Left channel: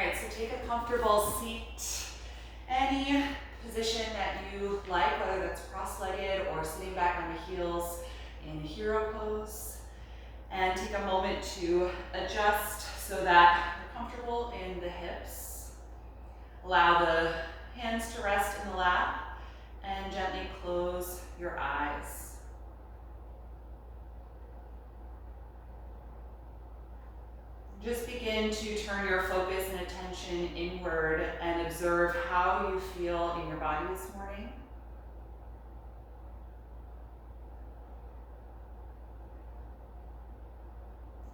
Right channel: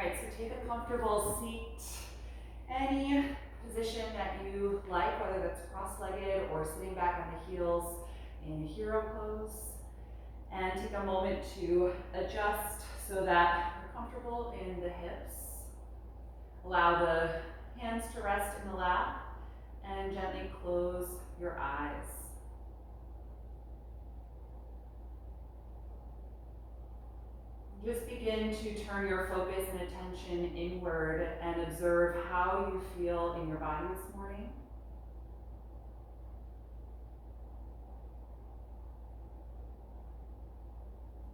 right, so take a comfortable seat, any position that you like, whether that's cross-legged or sitting back on the heels in hero pose. And take a moment to adjust so that you're comfortable in the hips. Allow the hands to rest in the lap and gently close your eyes. Just begin to turn your focus and attention inward and observe how you feel in your body this morning.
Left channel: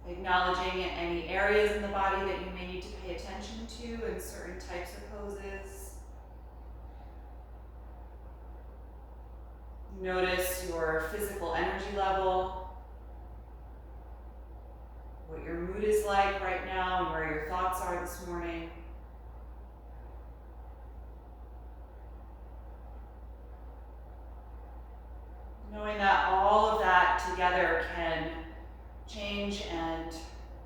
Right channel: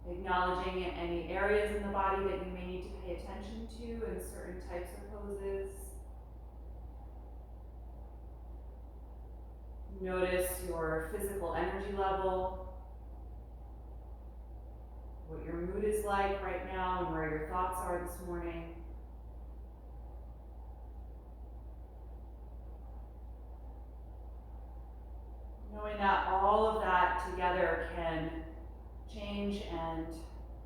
Acknowledging any areas in the body that you may need to pay attention to in certain types of poses. Notice your physical energy level, what your mood is like right now and where your thoughts are this morning. Knowing that all of that together can change and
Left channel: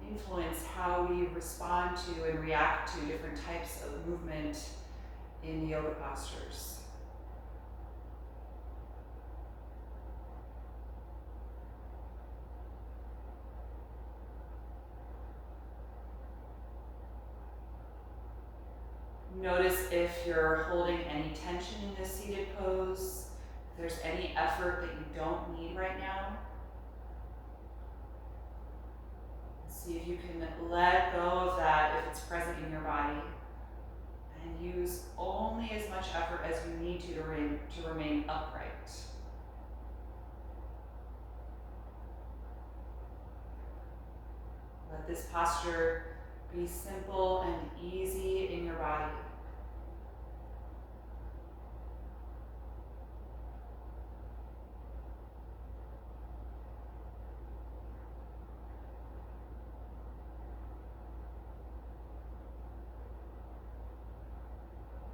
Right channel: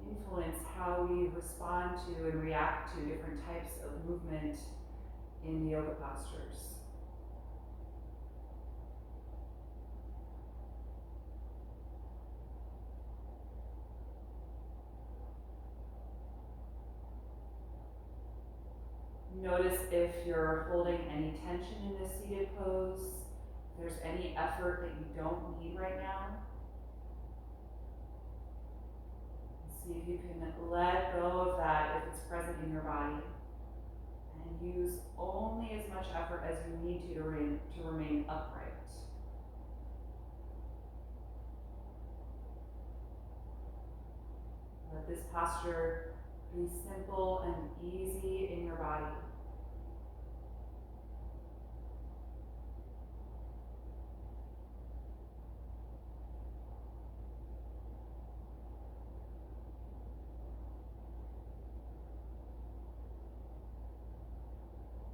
influence how we respond to and react to different types of movement in yoga postures. Notice if you're holding any tension in this seated pose, if there's any effort that you don't need right now. See if you can let go of that if it's present in your body, and use only as much effort as you need to remain upright. Let this posture be simple and easy in your body.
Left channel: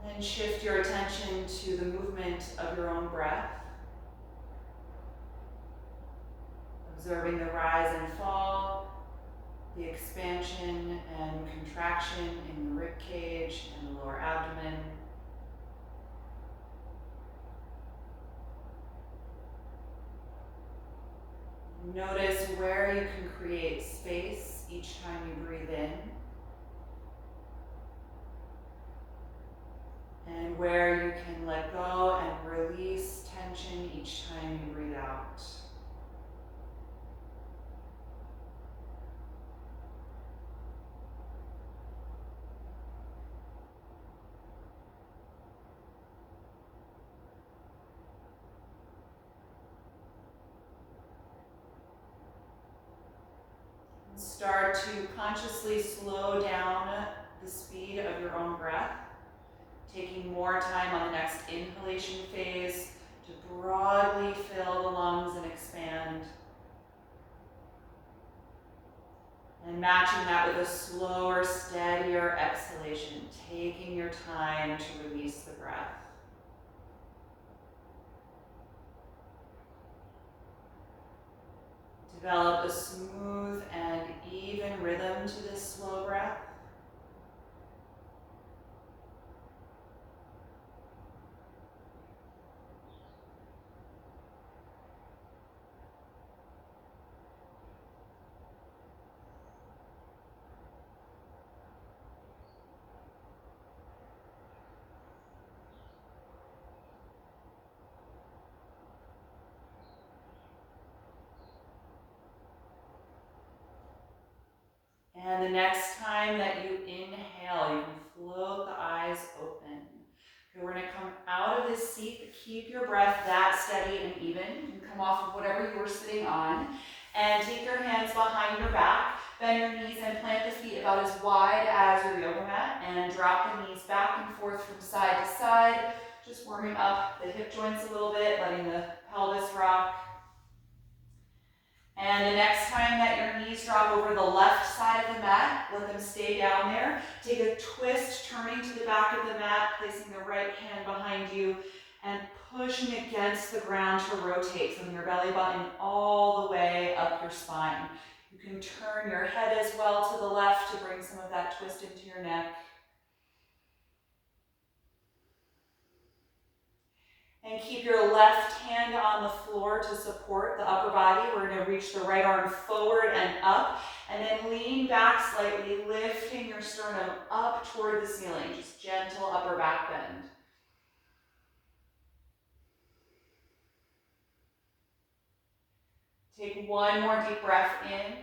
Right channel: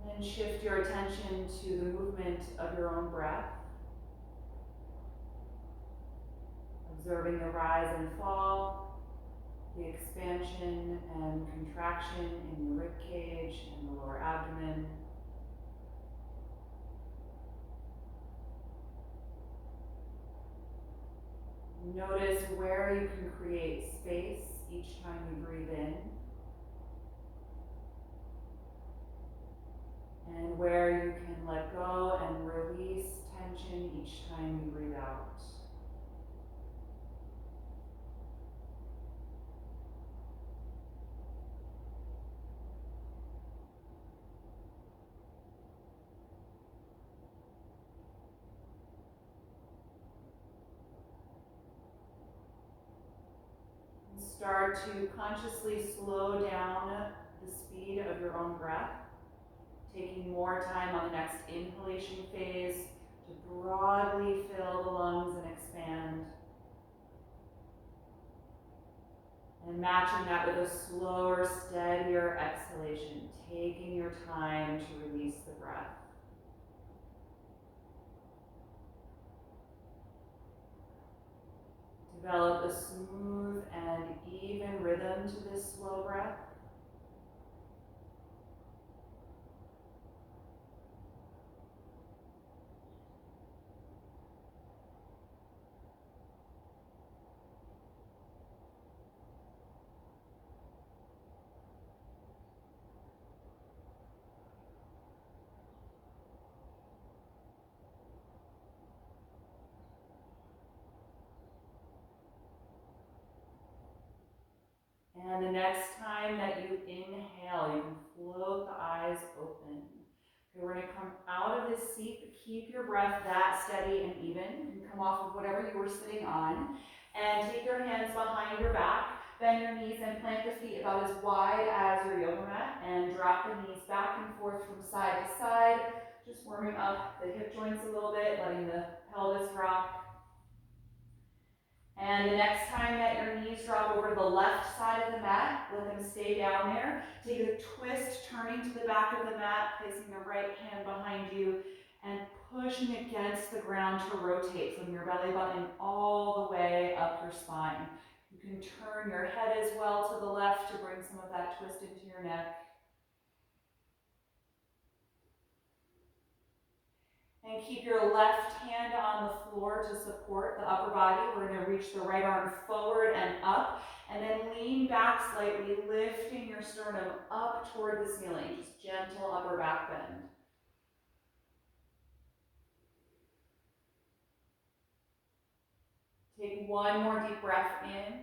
Then shift your attention to the movement of your own breath. Observing the rise and fall, the expansion and contraction in the rib cage and the lower abdomen. Notice where you can create space each time you breathe in, and where you can let go and release tension each time you breathe out. Start to consciously slow down the speed of your own breath, taking more time on the next inhalation phase to broadly fill the lungs and expand. And matching that with a slower, steadier exhalation, taking your time to release the breath. Develop a smooth and even rhythm to this slow breath. And the next time that you inhale, you can float the eyes open. Okay, we're going to come out of this seat, but keep your breath that steady and even. You can come off of whatever you were sitting on, and take your hands behind your back, bend your knees and plant the feet about as wide as your yoga mat, and drop the knees back and forth from side to side, just warming up the hip joints a little bit, letting the pelvis rock. And the next time that your knees drop over the left side of the mat, let them stay down there. Take a twist, turning to the back of the mat, placing the right hand behind you, and pushing against the ground to rotate from your belly button all the way up your spine. You can turn your head as well to the left to bring some of that twist into your neck. And keep your left hand on the floor to support the upper body. We're going to reach the right arm forward and up, and then lean back slightly, lifting your sternum up toward the ceiling. Just gentle upper back bend. Take one more deep breath in,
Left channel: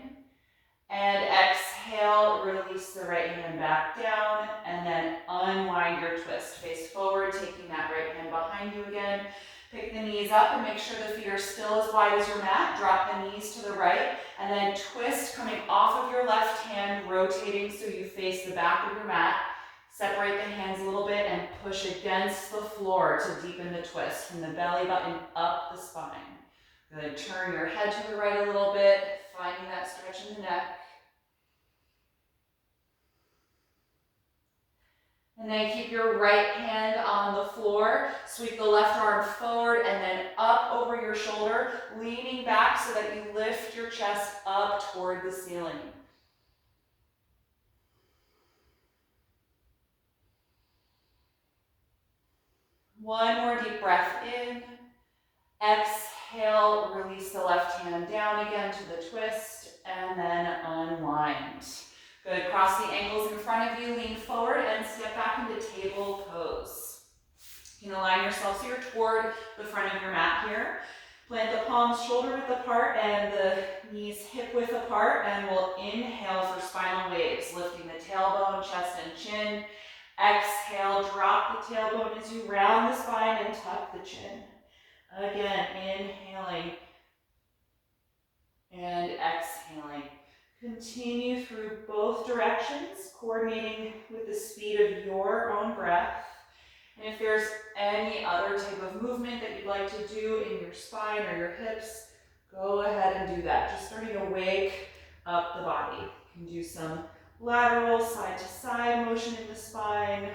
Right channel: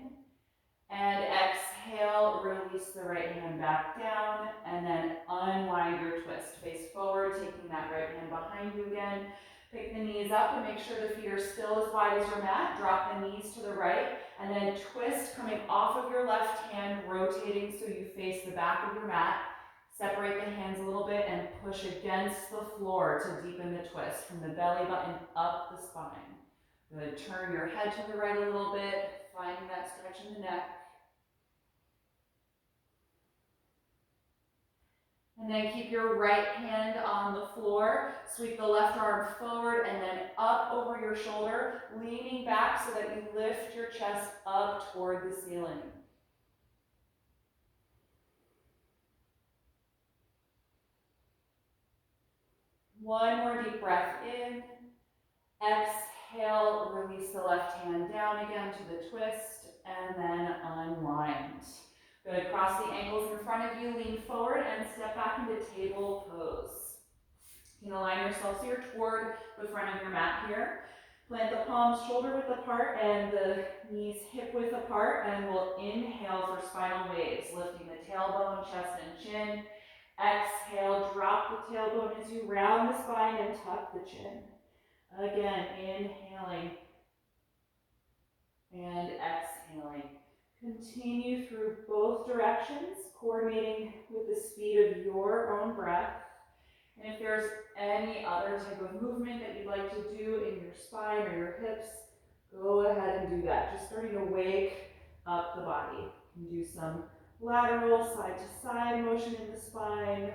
and exhale, release the right hand back down, and then unwind your twist. Face forward, taking that right hand behind you again. Pick the knees up and make sure the feet are still as wide as your mat. Drop the knees to the right, and then twist coming off of your left hand, rotating so you face the back of your mat. Separate the hands a little bit and push against the floor to deepen the twist from the belly button up the spine. Good. Turn your head to the right a little bit, finding that stretch in the neck. And then keep your right hand on the floor. Sweep the left arm forward and then up over your shoulder, leaning back so that you lift your chest up toward the ceiling. One more deep breath in. Exhale, release the left hand down again to the twist, and then unwind. Good, cross the ankles in front of you, lean forward, and step back into table pose. You can align yourself so you're toward the front of your mat here. Plant the palms shoulder width apart and the knees hip width apart, and we'll inhale for spinal waves, lifting the tailbone, chest, and chin. Exhale, drop the tailbone as you round the spine and tuck the chin. Again, inhaling and exhaling. Continue through both directions, coordinating with the speed of your own breath. And if there's any other type of movement that you'd like to do in your spine or your hips, go ahead and do that. Just starting to wake up the body. You can do some lateral side to side motion in the spine.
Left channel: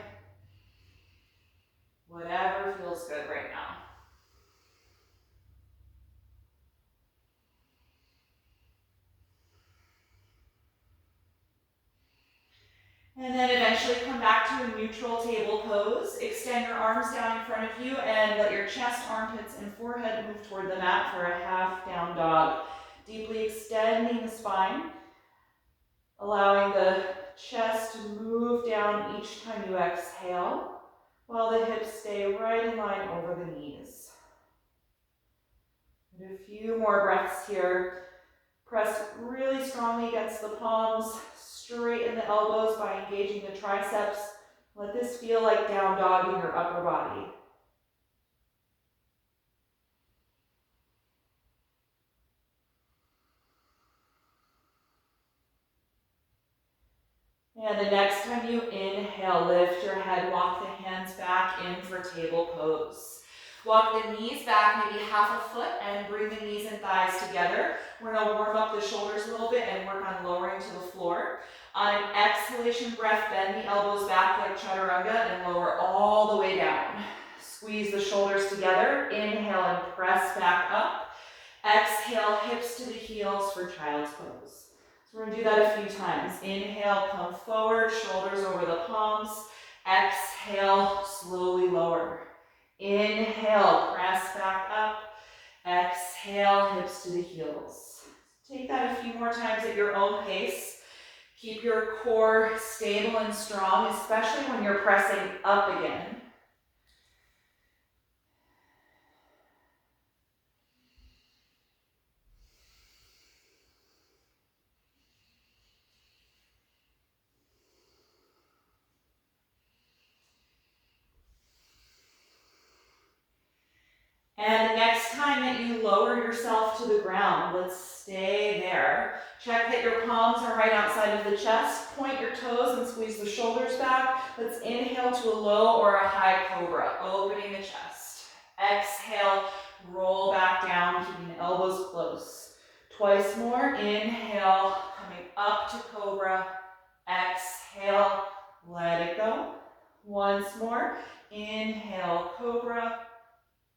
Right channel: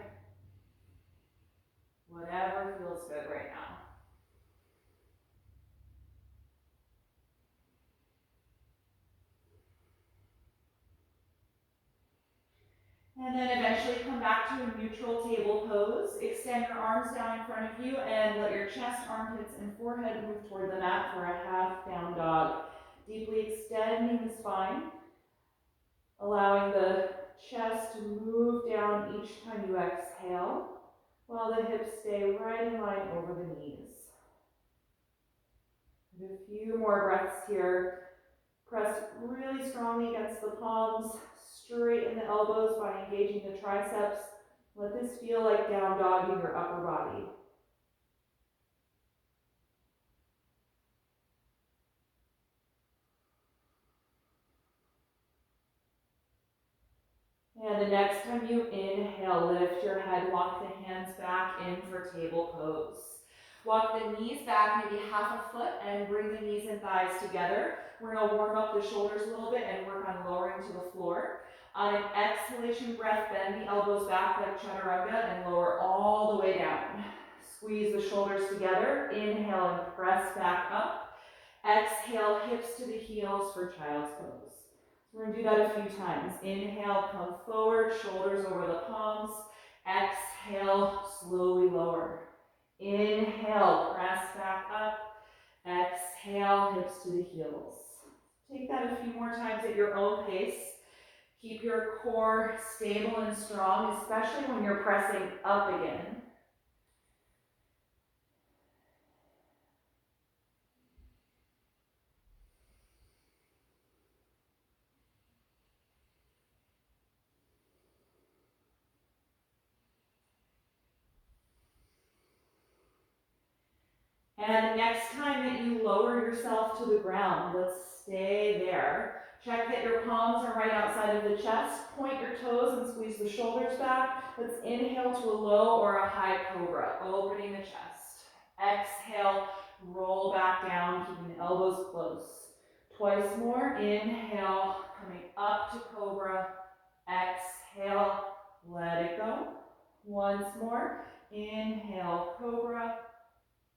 Whatever feels good right now. And then eventually come back to a neutral table pose. Extend your arms down in front of you and let your chest, armpits, and forehead move toward the mat for a half down dog. Deeply extending the spine, allowing the chest to move down each time you exhale, while the hips stay right in line over the knees. And a few more breaths here. Press really strongly against the palms, straighten the elbows by engaging the triceps. Let this feel like down dog in your upper body. And the next time you inhale, lift your head, walk the hands back in for table pose. Walk the knees back maybe half a foot and bring the knees and thighs together. We're going to warm up the shoulders a little bit and work on lowering to the floor. On an exhalation breath, bend the elbows back like chaturanga and lower all the way down. Squeeze the shoulders together. Inhale and press back up. Exhale, hips to the heels for child's pose. So we're going to do that a few times. Inhale, come forward, shoulders over the palms. Exhale, slowly lower. Inhale, press back up. Exhale, hips to the heels. Take that a few more times at your own pace. Keep your core stable and strong, especially when you're pressing up again. And the next time that you lower yourself to the ground, let's stay there. Check that your palms are right outside of the chest. Point your toes and squeeze the shoulders back. Let's inhale to a low or a high cobra, opening the chest. Exhale, roll back down, keeping the elbows close. Twice more. Inhale, coming up to cobra. Exhale, let it go. Once more. Inhale, cobra.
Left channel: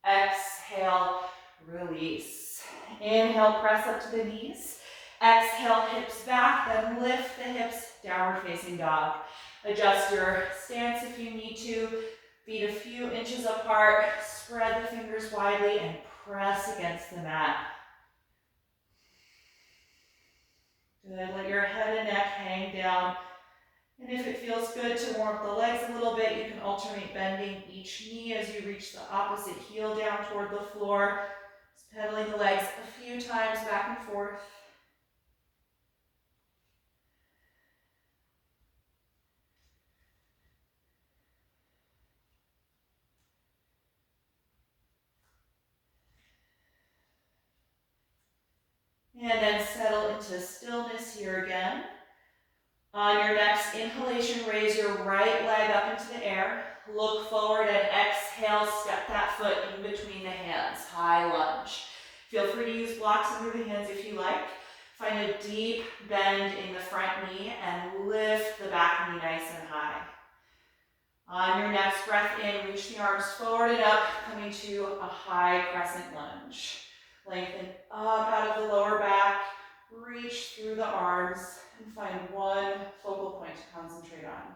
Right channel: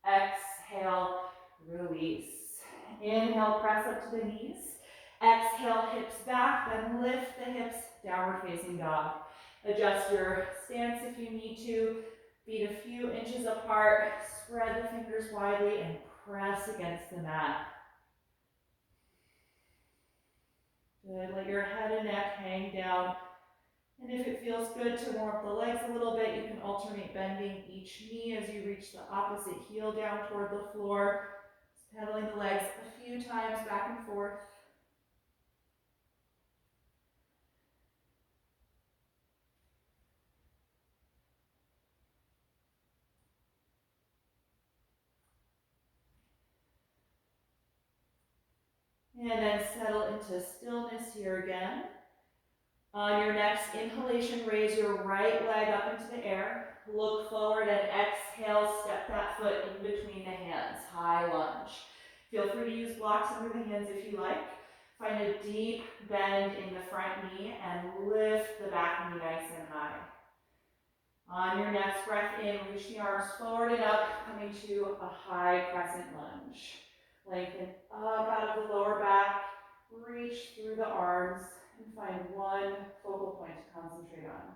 Exhale, release. Inhale, press up to the knees. Exhale, hips back, then lift the hips, downward facing dog. Adjust your stance if you need to. Feet a few inches apart, spread the fingers widely and press against the mat. Good, let your head and neck hang down. And if it feels good to warm up the legs a little bit, you can alternate bending each knee as you reach the opposite heel down toward the floor. Just pedaling the legs a few times back and forth. And then settle into stillness here again. On your next inhalation, raise your right leg up into the air. Look forward and exhale, step that foot in between the hands, high lunge. Feel free to use blocks under the hands if you like. Find a deep bend in the front knee and lift the back knee nice and high. On your next breath in, reach the arms forward and up, coming to a high crescent lunge. Lengthen up out of the lower back, reach through the arms, and find one focal point to concentrate on.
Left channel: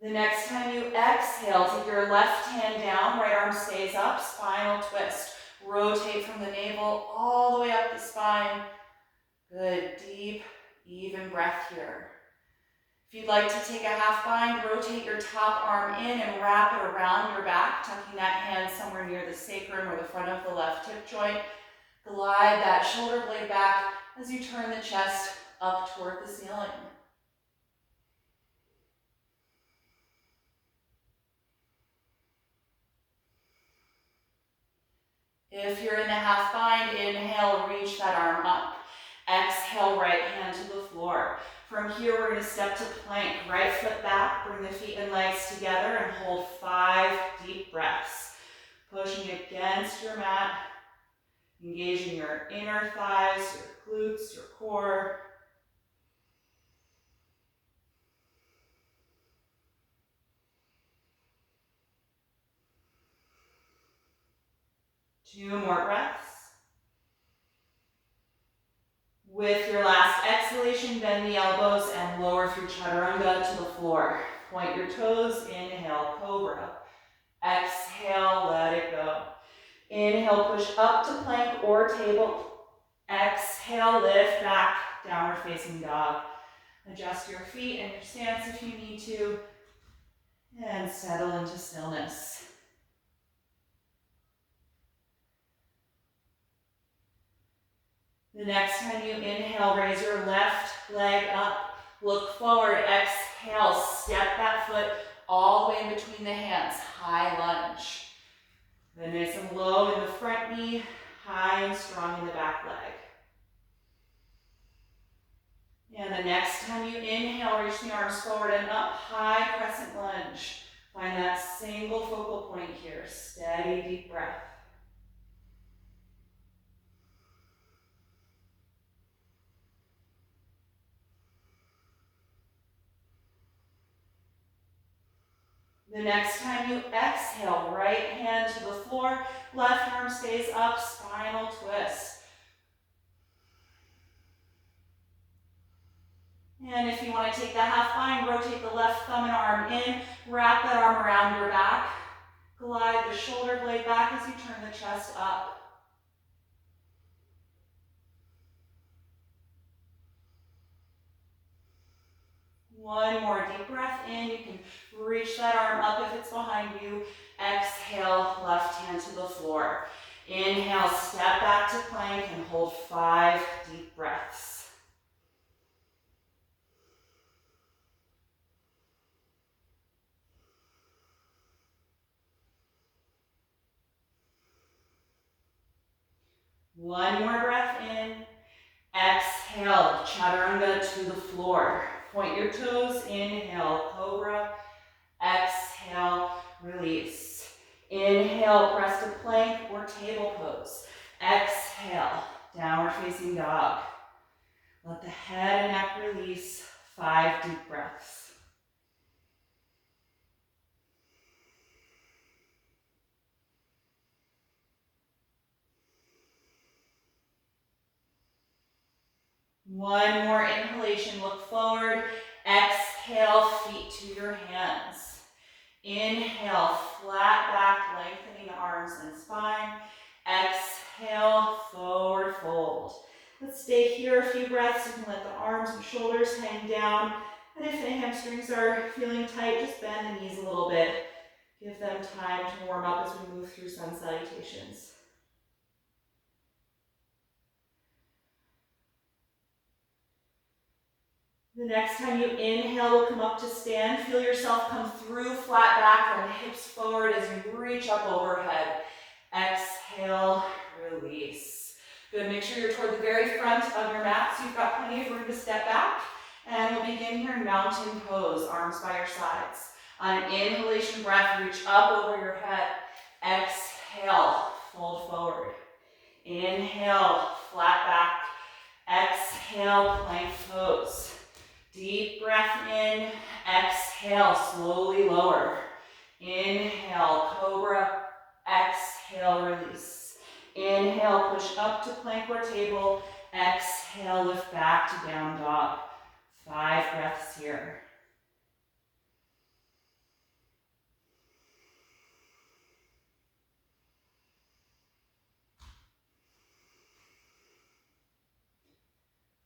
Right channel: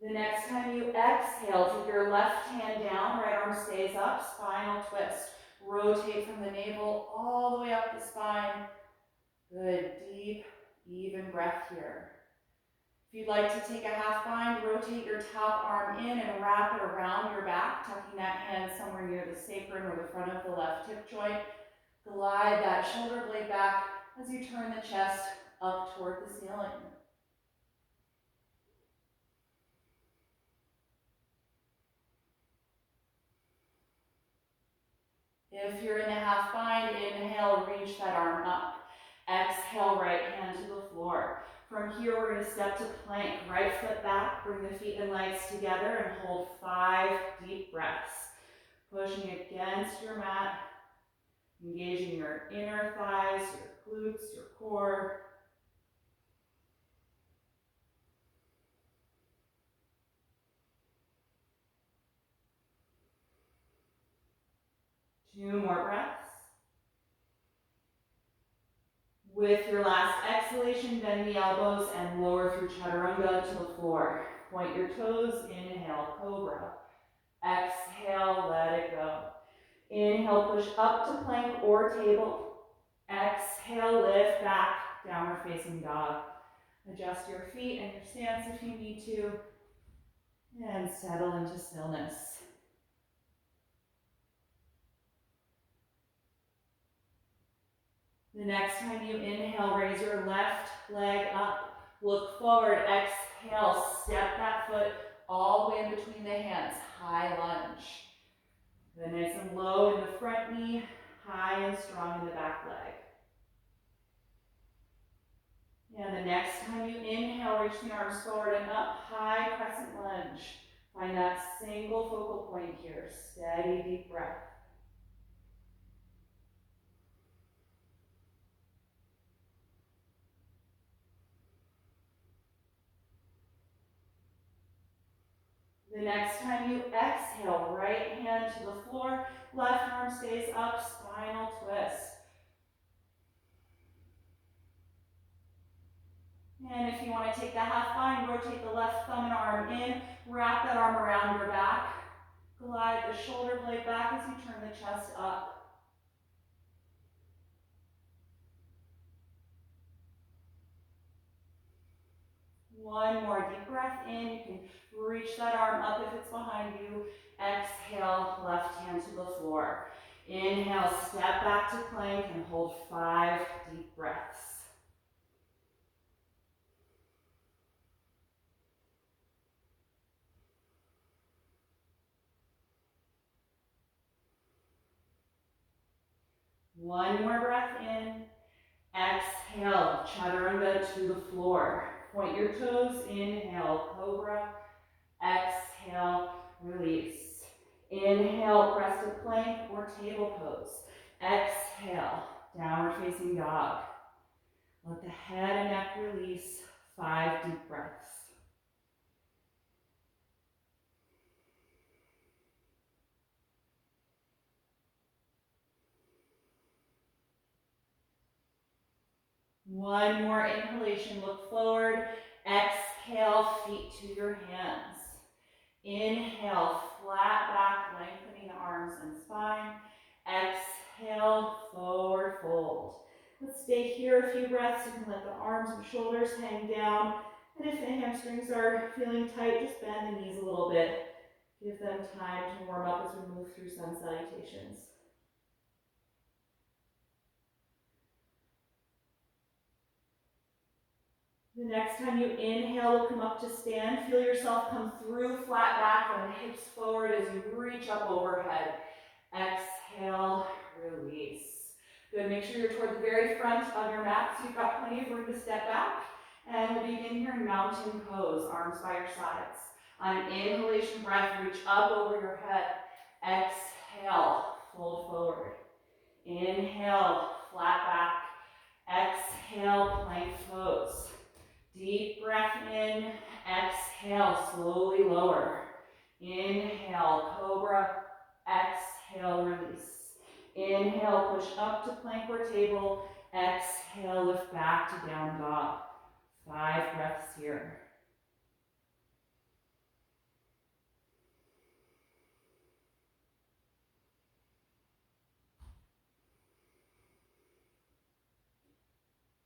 The next time you exhale, take your left hand down, right arm stays up, spinal twist. Rotate from the navel all the way up the spine. Good, deep, even breath here. If you'd like to take a half bind, rotate your top arm in and wrap it around your back, tucking that hand somewhere near the sacrum or the front of the left hip joint. Glide that shoulder blade back as you turn the chest up toward the ceiling. If you're in the half bind, inhale, reach that arm up. Exhale, right hand to the floor. From here, we're going to step to plank. Right foot back, bring the feet and legs together and hold 5 deep breaths. Pushing against your mat, engaging your inner thighs, your glutes, your core. Two more breaths. With your last exhalation, bend the elbows and lower through chaturanga to the floor. Point your toes, inhale, cobra. Exhale, let it go. Inhale, push up to plank or table. Exhale, lift back, downward facing dog. Adjust your feet and your stance if you need to. And settle into stillness. The next time you inhale, raise your left leg up. Look forward, exhale, step that foot all the way in between the hands, high lunge. Then nice and low in the front knee, high and strong in the back leg. And the next time you inhale, reach the arms forward and up, high crescent lunge. Find that single focal point here, steady, deep breath. The next time you exhale, right hand to the floor, left arm stays up, spinal twist. And if you want to take the half bind, rotate the left thumb and arm in, wrap that arm around your back, glide the shoulder blade back as you turn the chest up. One more deep breath in. You can reach that arm up if it's behind you. Exhale, left hand to the floor. Inhale, step back to plank and hold 5 deep breaths. One more breath in. Exhale, chaturanga to the floor. Point your toes, inhale, cobra. Exhale, release. Inhale, press to plank or table pose. Exhale, downward facing dog. Let the head and neck release, 5 deep breaths. One more inhalation, look forward. Exhale, feet to your hands. Inhale, flat back, lengthening the arms and spine. Exhale, forward fold. Let's stay here a few breaths. You can let the arms and shoulders hang down. And if the hamstrings are feeling tight, just bend the knees a little bit. Give them time to warm up as we move through sun salutations. The next time you inhale, we'll come up to stand. Feel yourself come through flat back and hips forward as you reach up overhead. Exhale, release. Good, make sure you're toward the very front of your mat so you've got plenty of room to step back. And we'll begin here in mountain pose, arms by your sides. On an inhalation breath, reach up over your head. Exhale, fold forward. Inhale, flat back. Exhale, plank pose. Deep breath in, exhale, slowly lower. Inhale, cobra, exhale, release. Inhale, push up to plank or table. Exhale, lift back to down dog. 5 breaths here.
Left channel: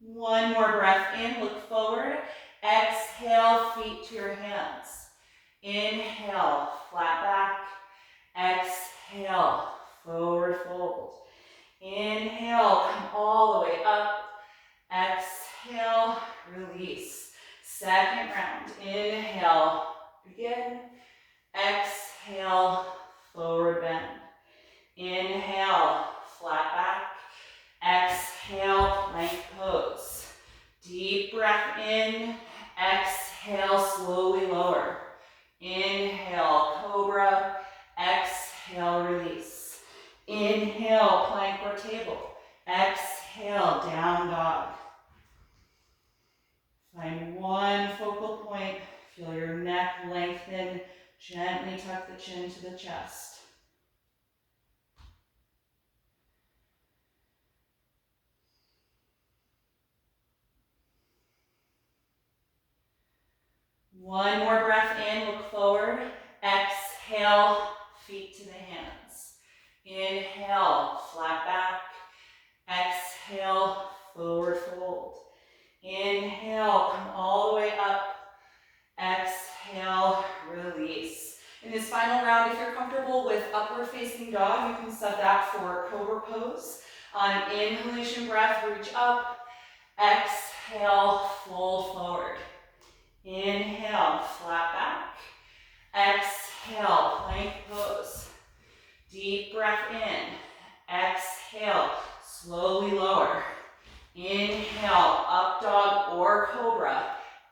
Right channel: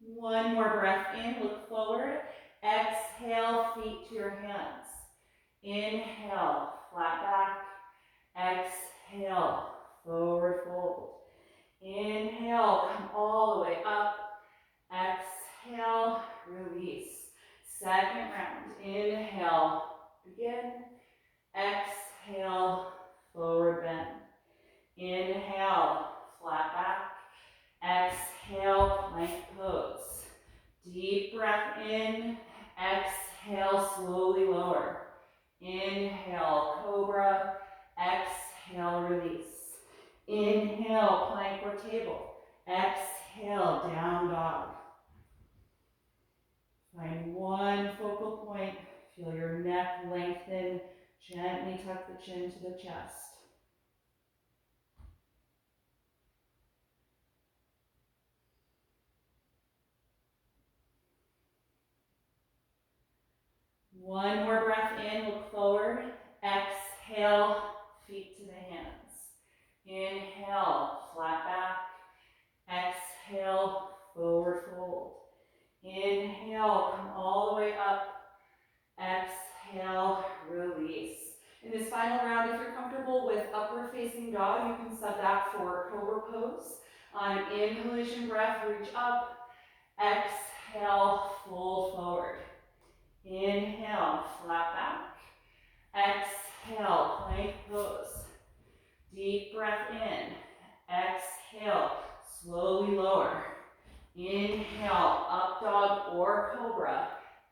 One more breath in, look forward. Exhale, feet to your hands. Inhale, flat back. Exhale, forward fold. Inhale, come all the way up. Exhale, release. Second round. Inhale, begin. Exhale, forward bend. Inhale, flat back. Exhale, plank pose. Deep breath in. Exhale, slowly lower. Inhale, cobra. Exhale, release. Inhale, plank or table. Exhale, down dog. Find one focal point. Feel your neck lengthen. Gently tuck the chin to the chest. One more breath in, look forward. Exhale, feet to the hands. Inhale, flat back. Exhale, forward fold. Inhale, come all the way up. Exhale, release. In this final round, if you're comfortable with upward facing dog, you can sub that for cobra pose. On an inhalation breath, reach up. Exhale, fold forward. Inhale, flat back. Exhale, plank pose. Deep breath in. Exhale, slowly lower. Inhale, up dog or cobra.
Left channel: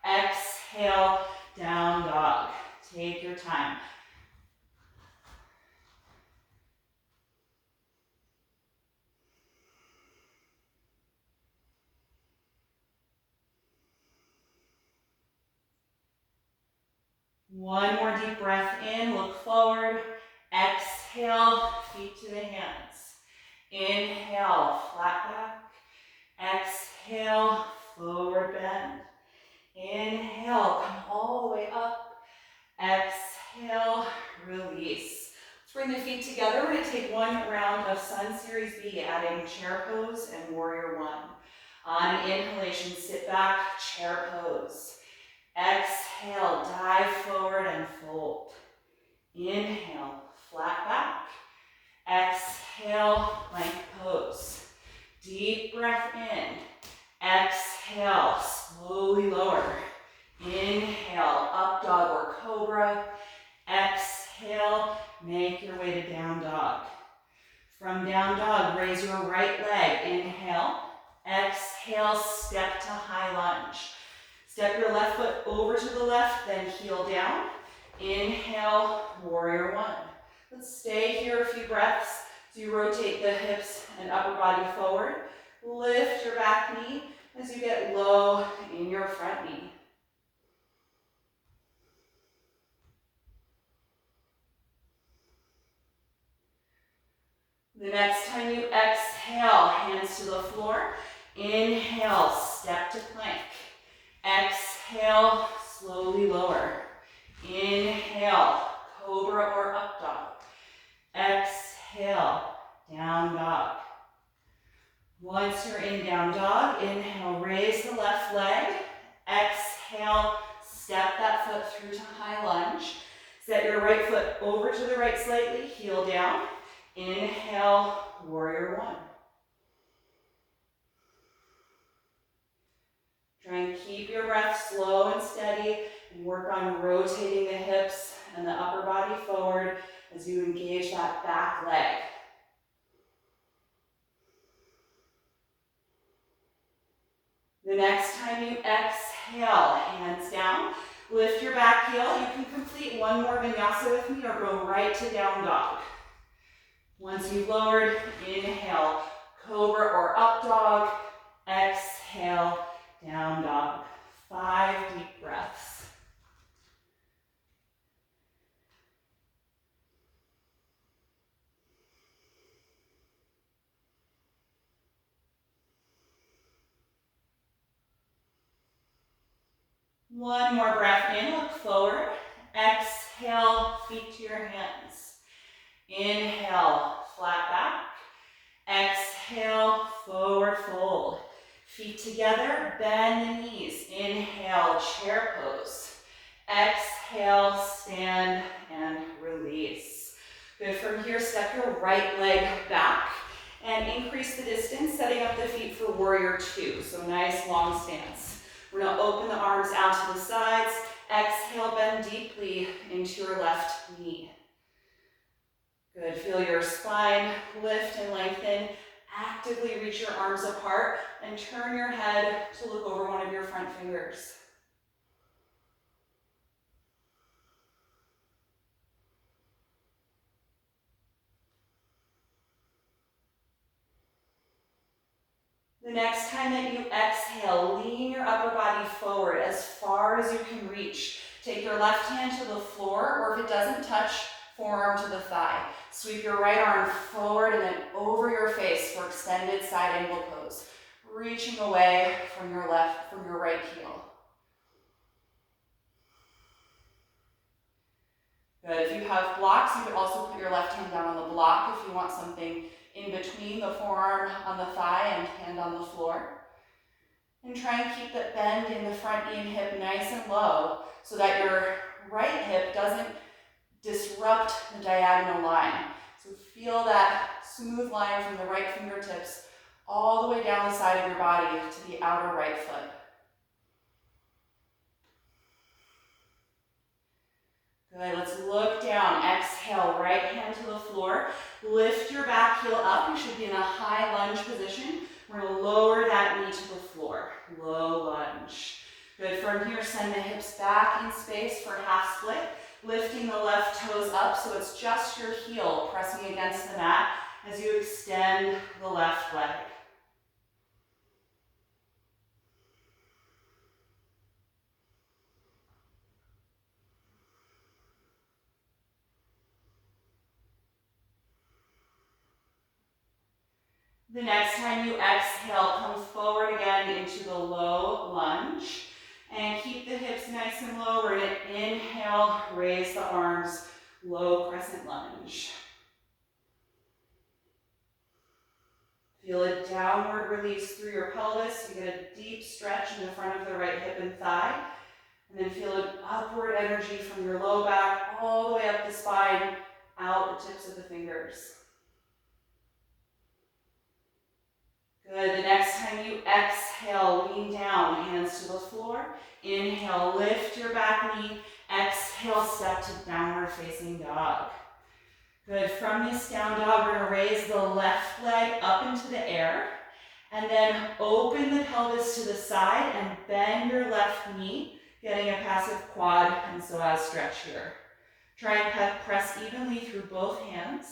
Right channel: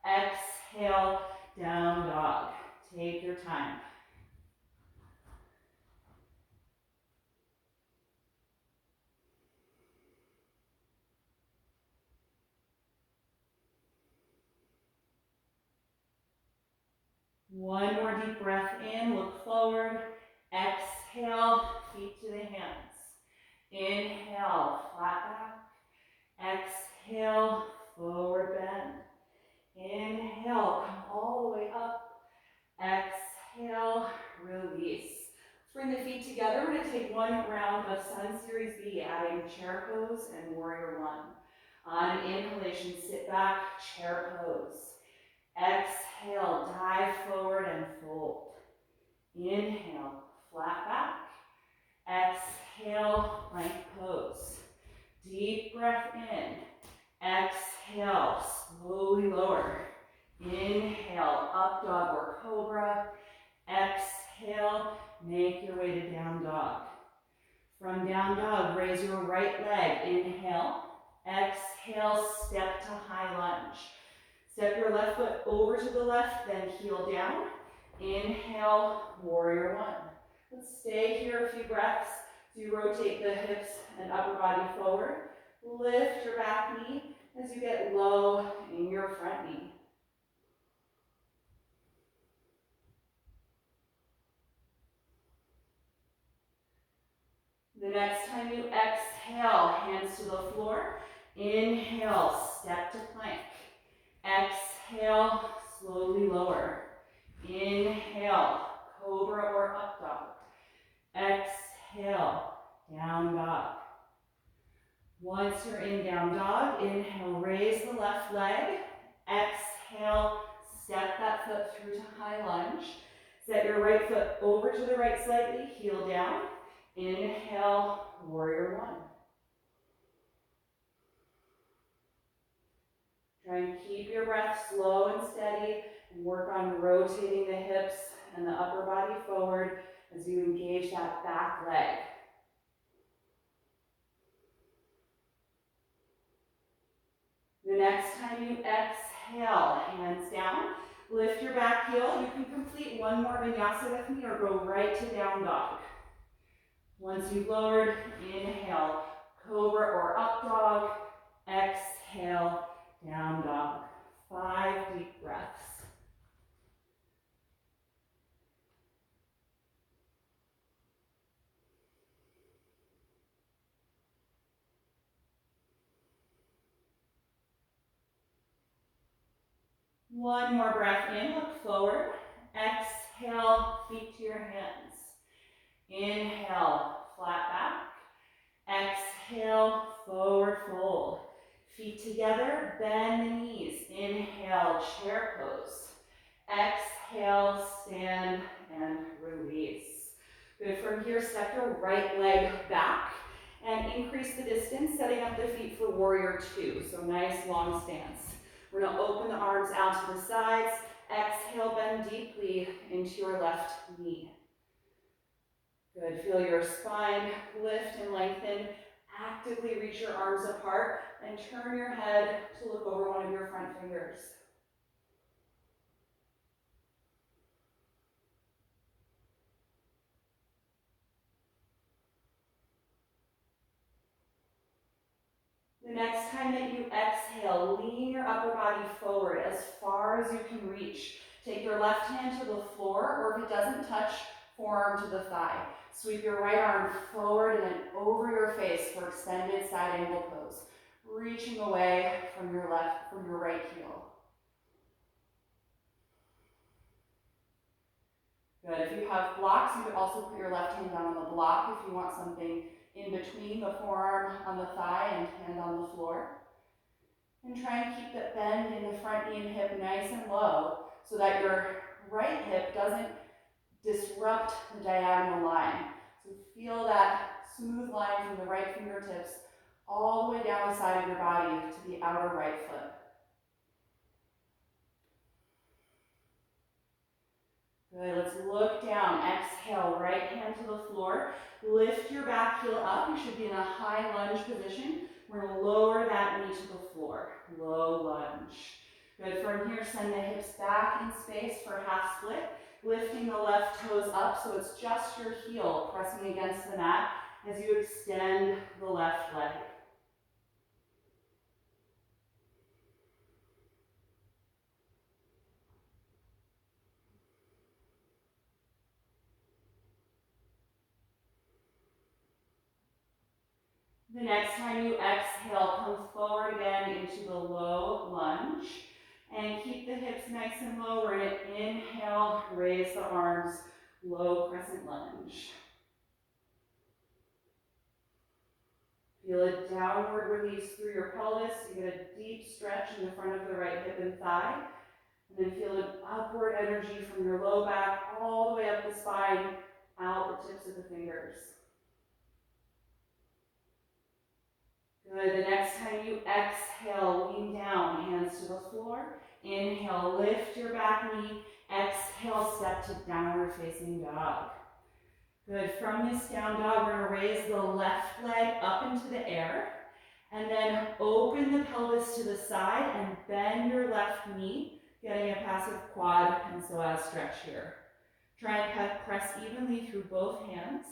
Exhale, down dog. Take your time. One more deep breath in, look forward. Exhale, feet to the hands. Inhale, flat back. Exhale, forward bend. Inhale, come all the way up. Exhale, release. Let's bring the feet together. We're going to take one round of Sun Series B, adding chair pose and warrior one. On an inhalation, sit back, chair pose. Exhale, dive forward and fold. Inhale, flat back. Exhale, plank pose. Deep breath in. Exhale, slowly lower. Inhale, up dog or cobra. Exhale, make your way to down dog. From down dog, raise your right leg. Inhale. Exhale, step to high lunge. Step your left foot over to the left, then heel down. Inhale, warrior one. Let's stay here a few breaths. So you rotate the hips and upper body forward. Lift your back knee as you get low in your front knee. The next time you exhale, hands to the floor. Inhale, step to plank. Exhale, slowly lower. Inhale, cobra or up dog. Exhale, down dog. Once you're in down dog, inhale, raise the left leg. Exhale, step that foot through to high lunge. Set your right foot over to the right slightly, heel down. Inhale, warrior one. Try and keep your breath slow and steady and work on rotating the hips and the upper body forward as you engage that back leg. The next time you exhale, hands down, lift your back heel. You can complete one more vinyasa with me or go right to down dog. Once you've lowered, inhale, cobra or up dog. Exhale, down dog. 5 deep breaths. One more breath in, look forward. Exhale, feet to your hands. Inhale, flat back. Exhale, forward fold. Feet together, bend the knees. Inhale, chair pose. Exhale, stand and release. Good, from here, step your right leg back and increase the distance, setting up the feet for warrior two. So nice long stance. We're gonna open the arms out to the sides. Exhale, bend deeply into your left knee. Good, feel your spine lift and lengthen. Actively reach your arms apart and turn your head to look over one of your front fingers. The next time that you exhale, lean your upper body forward as far as you can reach. Take your left hand to the floor, or if it doesn't touch, forearm to the thigh. Sweep your right arm forward and then over your face for extended side angle pose. Reaching away from your right heel. Good, if you have blocks, you could also put your left hand down on the block if you want something in between the forearm on the thigh and hand on the floor. And try and keep that bend in the front knee and hip nice and low so that your right hip doesn't disrupt the diagonal line. So feel that smooth line from the right fingertips all the way down the side of your body to the outer right foot. Good, let's look down. Exhale, right hand to the floor. Lift your back heel up. You should be in a high lunge position. We're going to lower that knee to the floor. Low lunge. Good, from here, send the hips back in space for half split. Lifting the left toes up so it's just your heel pressing against the mat as you extend the left leg. The next time you exhale, come forward again into the low lunge. And keep the hips nice and low. We're going to inhale, raise the arms, low crescent lunge. Feel a downward release through your pelvis. You get a deep stretch in the front of the right hip and thigh. And then feel an upward energy from your low back all the way up the spine, out the tips of the fingers. Good, the next time you exhale, lean down, hands to the floor. Inhale, lift your back knee. Exhale, step to downward facing dog. Good, from this down dog, we're gonna raise the left leg up into the air. And then open the pelvis to the side and bend your left knee, getting a passive quad and psoas stretch here. Try and press evenly through both hands.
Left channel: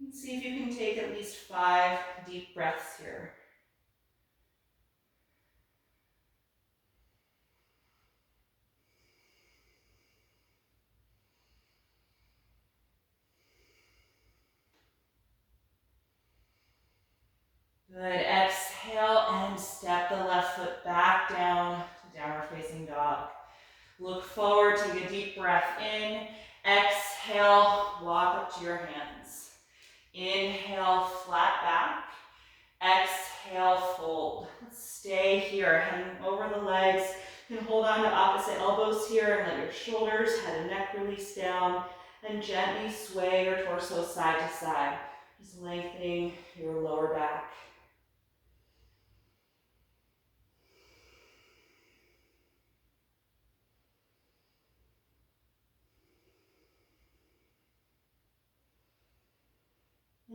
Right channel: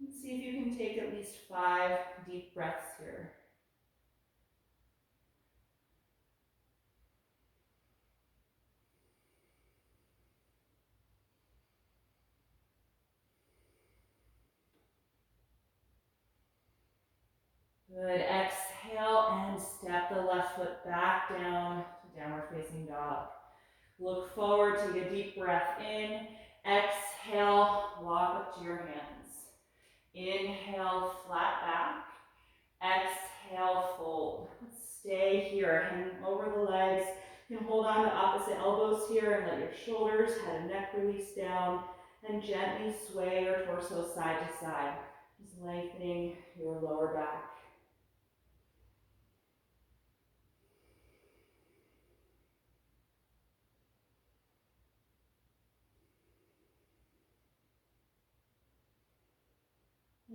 And see if you can take at least 5 deep breaths here. Good, exhale and Look forward, take a deep breath in. Exhale, walk up to your hands. Inhale, flat back. Exhale, fold. Stay here, hanging over the legs. You can hold on to opposite elbows here and let your shoulders, head and neck release down, and gently sway your torso side to side, just lengthening your lower back.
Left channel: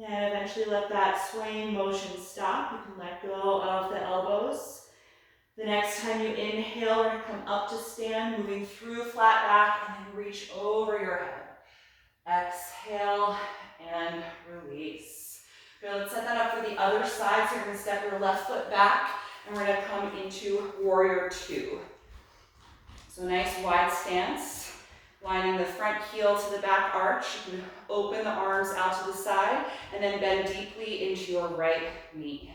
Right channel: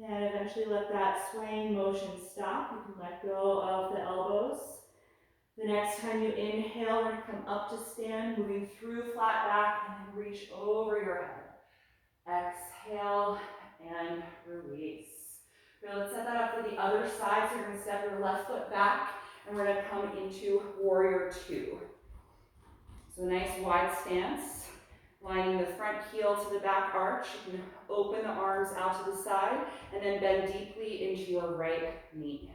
And eventually let that swaying motion stop. You can let go of the elbows. The next time you inhale, we're going to come up to stand, moving through flat back, and then reach over your head. Exhale and release. Good, let's set that up for the other side. So you're going to step your left foot back, and we're going to come into warrior two. So nice wide stance. Lining the front heel to the back arch. You can open the arms out to the side and then bend deeply into your right knee.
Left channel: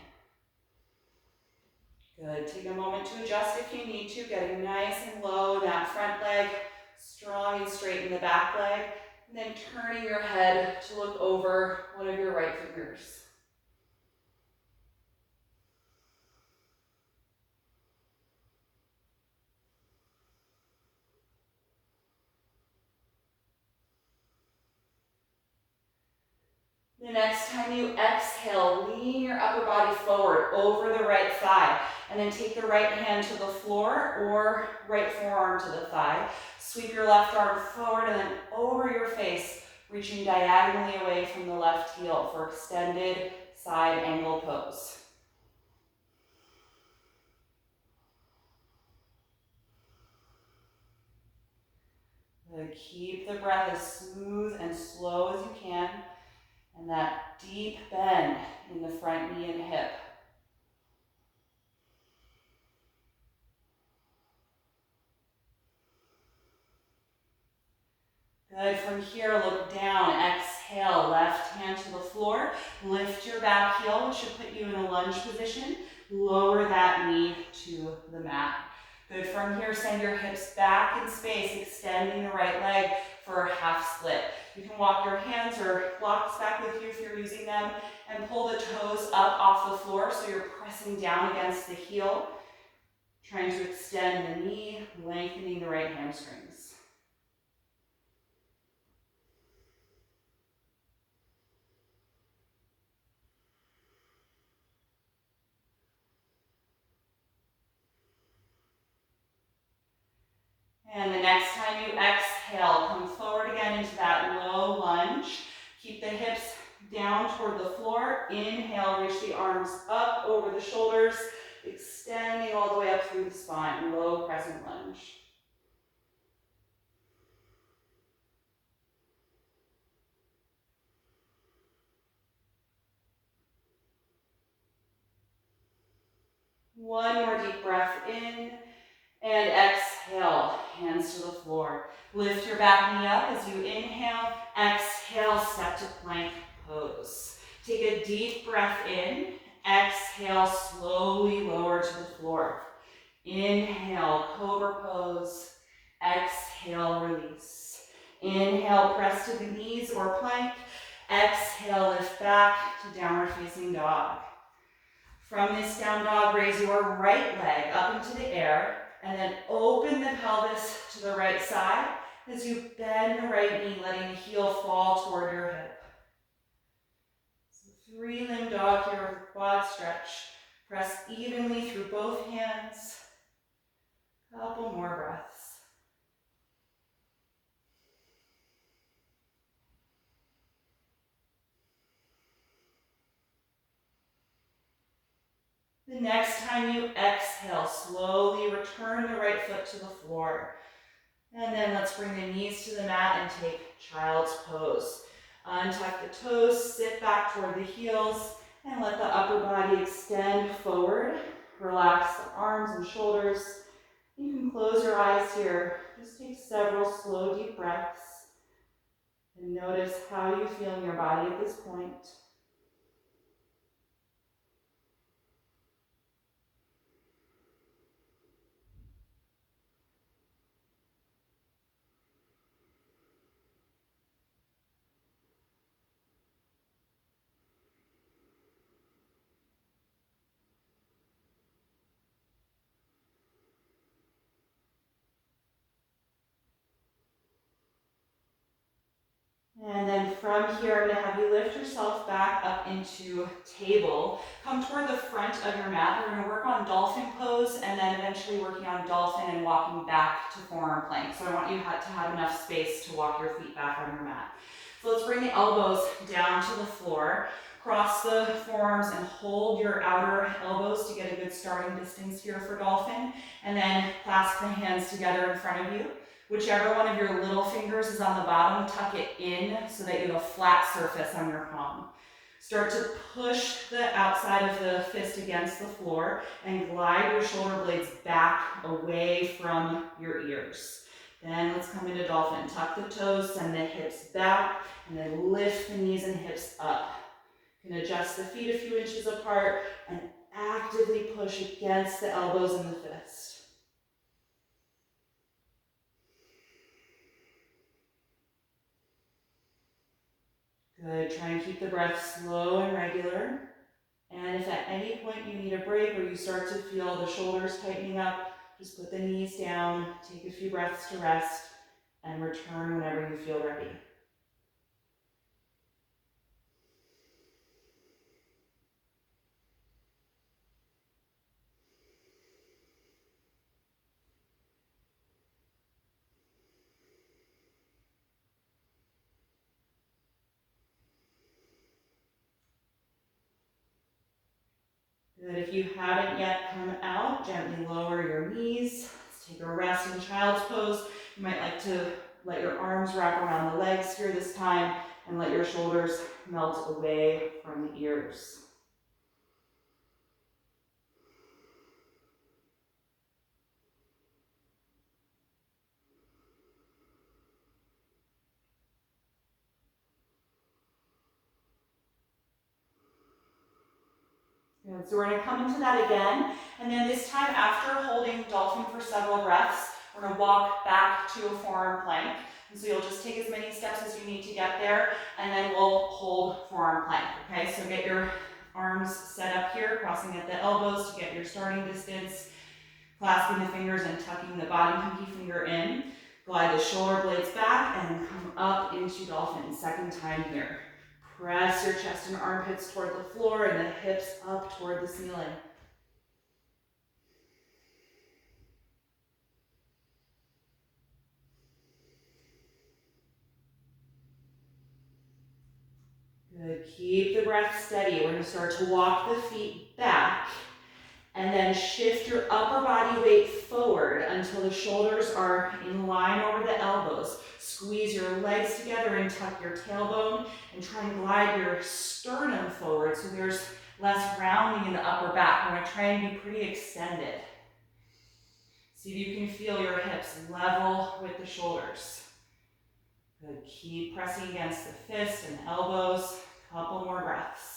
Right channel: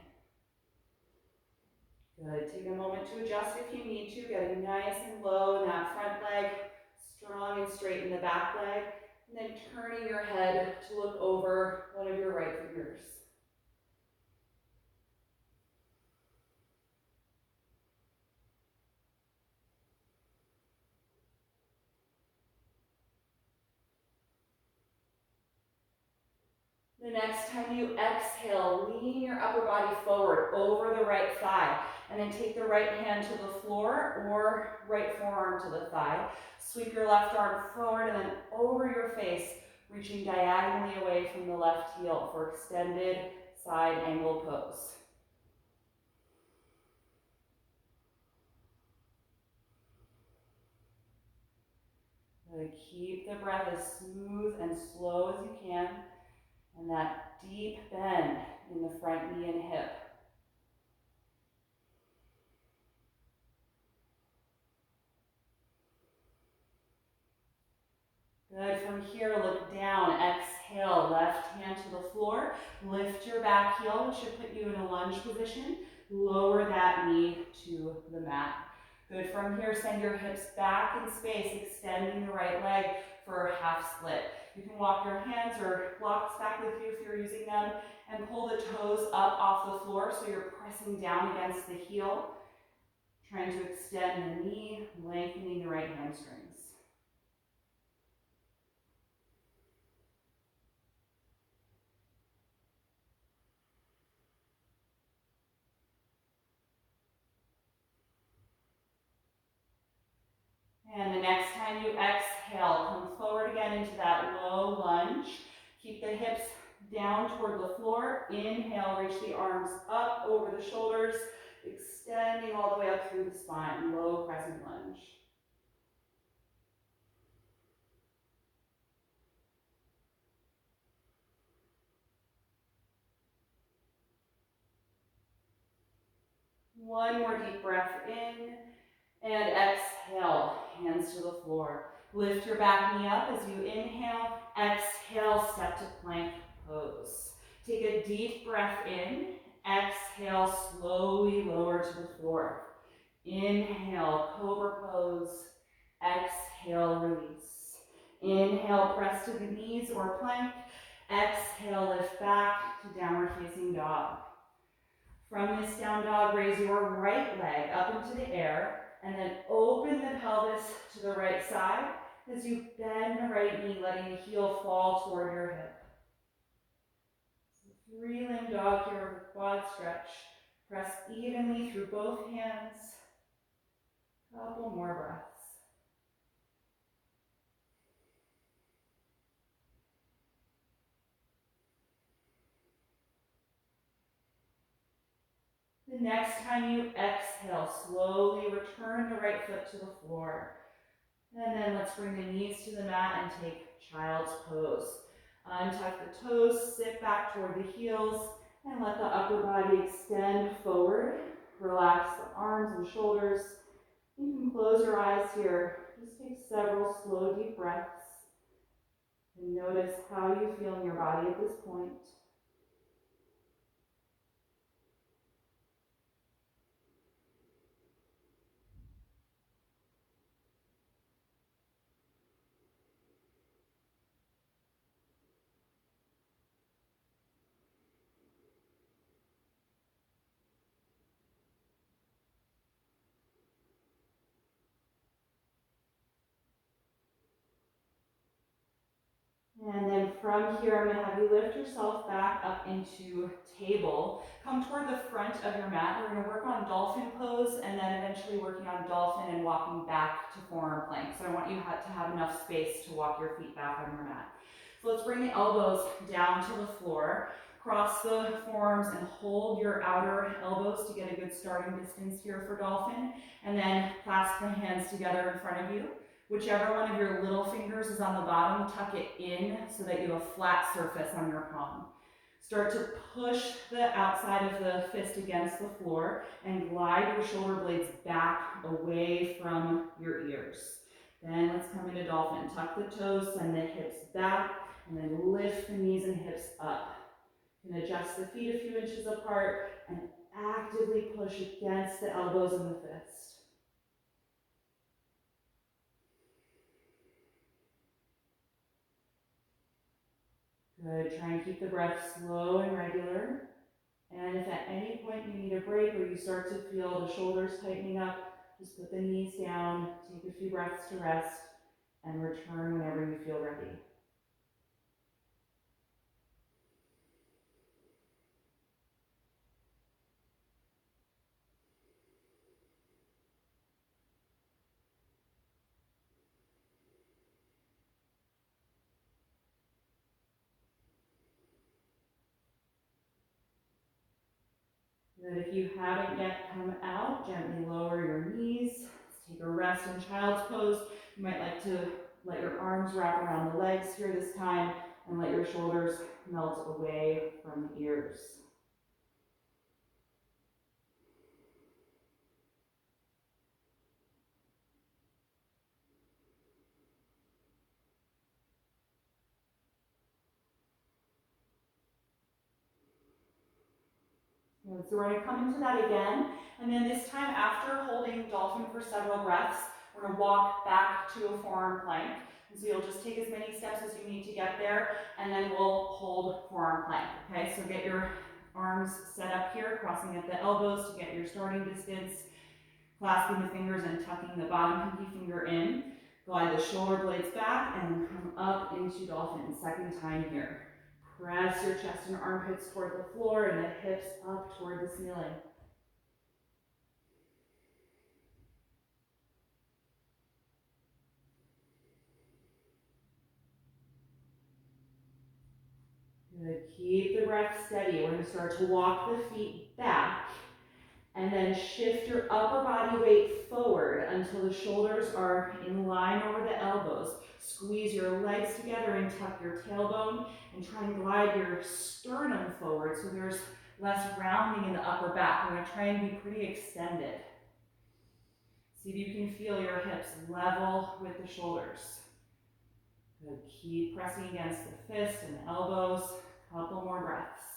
Good. Take a moment to adjust if you need to, getting nice and low in that front leg, strong and straight in the back leg, and then turning your head to look over one of your right fingers. The next time you exhale, lean your upper body forward over the right thigh, and then take the right hand to the floor or right forearm to the thigh. Sweep your left arm forward and then over your face, reaching diagonally away from the left heel for extended side angle pose. Good. Keep the breath as smooth and slow as you can. And that deep bend in the front knee and hip. Good. From here, look down. Exhale, left hand to the floor. Lift your back heel, which should put you in a lunge position. Lower that knee to the mat. Good. From here, send your hips back in space, extending the right leg for a half split. You can walk your hands or blocks back with you if you're using them, and pull the toes up off the floor so you're pressing down against the heel, trying to extend the knee, lengthening the right hamstrings. And the next time you exhale, come forward again into that low lunge. Keep the hips down toward the floor. Inhale, reach the arms up over the shoulders, extending all the way up through the spine. Low crescent lunge. One more deep breath in. And exhale, hands to the floor. Lift your back knee up as you inhale. Exhale, step to plank pose. Take a deep breath in. Exhale, slowly lower to the floor. Inhale, cobra pose. Exhale, release. Inhale, press to the knees or plank. Exhale, lift back to downward facing dog. From this down dog, raise your right leg up into the air. And then open the pelvis to the right side as you bend the right knee, letting the heel fall toward your hip. So three-limb dog here with quad stretch. Press evenly through both hands. Couple more breaths. The next time you exhale, slowly return the right foot to the floor. And then let's bring the knees to the mat and take child's pose. Untuck the toes, sit back toward the heels, and let the upper body extend forward. Relax the arms and shoulders. You can close your eyes here. Just take several slow, deep breaths. And notice how you feel in your body at this point. from here, I'm gonna have you lift yourself back up into table. Come toward the front of your mat. We're gonna work on dolphin pose and then eventually working on dolphin and walking back to forearm plank. So I want you to have enough space to walk your feet back on your mat. So let's bring the elbows down to the floor. Cross the forearms and hold your outer elbows to get a good starting distance here for dolphin. And then clasp the hands together in front of you. Whichever one of your little fingers is on the bottom, tuck it in so that you have a flat surface on your palm. Start to push the outside of the fist against the floor and glide your shoulder blades back away from your ears. Then let's come into dolphin. Tuck the toes, send the hips back, and then lift the knees and hips up. You can adjust the feet a few inches apart and actively push against the elbows and the fist. Good, try and keep the breath slow and regular. And if at any point you need a break or you start to feel the shoulders tightening up, just put the knees down, take a few breaths to rest, and return whenever you feel ready. Good. If you haven't yet come out, gently lower your knees. Let's take a rest in child's pose. You might like to let your arms wrap around the legs here this time and let your shoulders melt away from the ears. Good. So we're going to come into that again, and then this time after holding dolphin for several breaths, we're going to walk back to a forearm plank. And so you'll just take as many steps as you need to get there, and then we'll hold forearm plank. Okay, so get your arms set up here, crossing at the elbows to get your starting distance, clasping the fingers and tucking the bottom pinky finger in. Glide the shoulder blades back and come up into dolphin. Second time here. Press your chest and armpits toward the floor and the hips up toward the ceiling. Good. Keep the breath steady. We're going to start to walk the feet back and then shift your upper body weight forward until the shoulders are in line over the elbows. Squeeze your legs together and tuck your tailbone and try and glide your sternum forward so there's less rounding in the upper back. We're going to try and be pretty extended. See if you can feel your hips level with the shoulders. Good. Keep pressing against the fist and the elbows. Couple more breaths.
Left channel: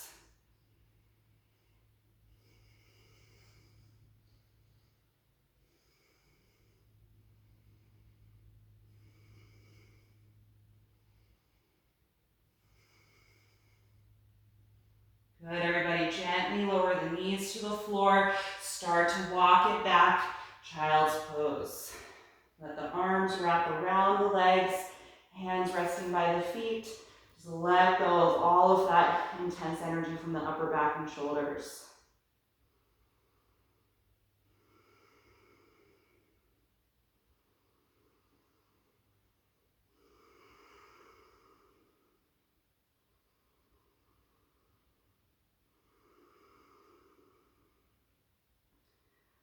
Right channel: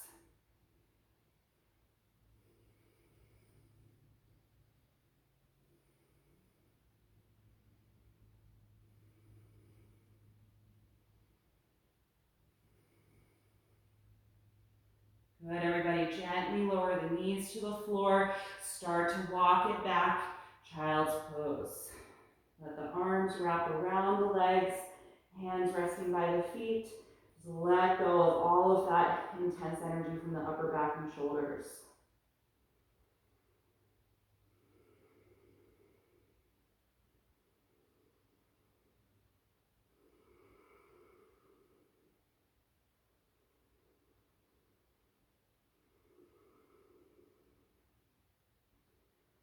Good, everybody, gently lower the knees to the floor. Start to walk it back, child's pose. Let the arms wrap around the legs, hands resting by the feet. Just let go of all of that intense energy from the upper back and shoulders.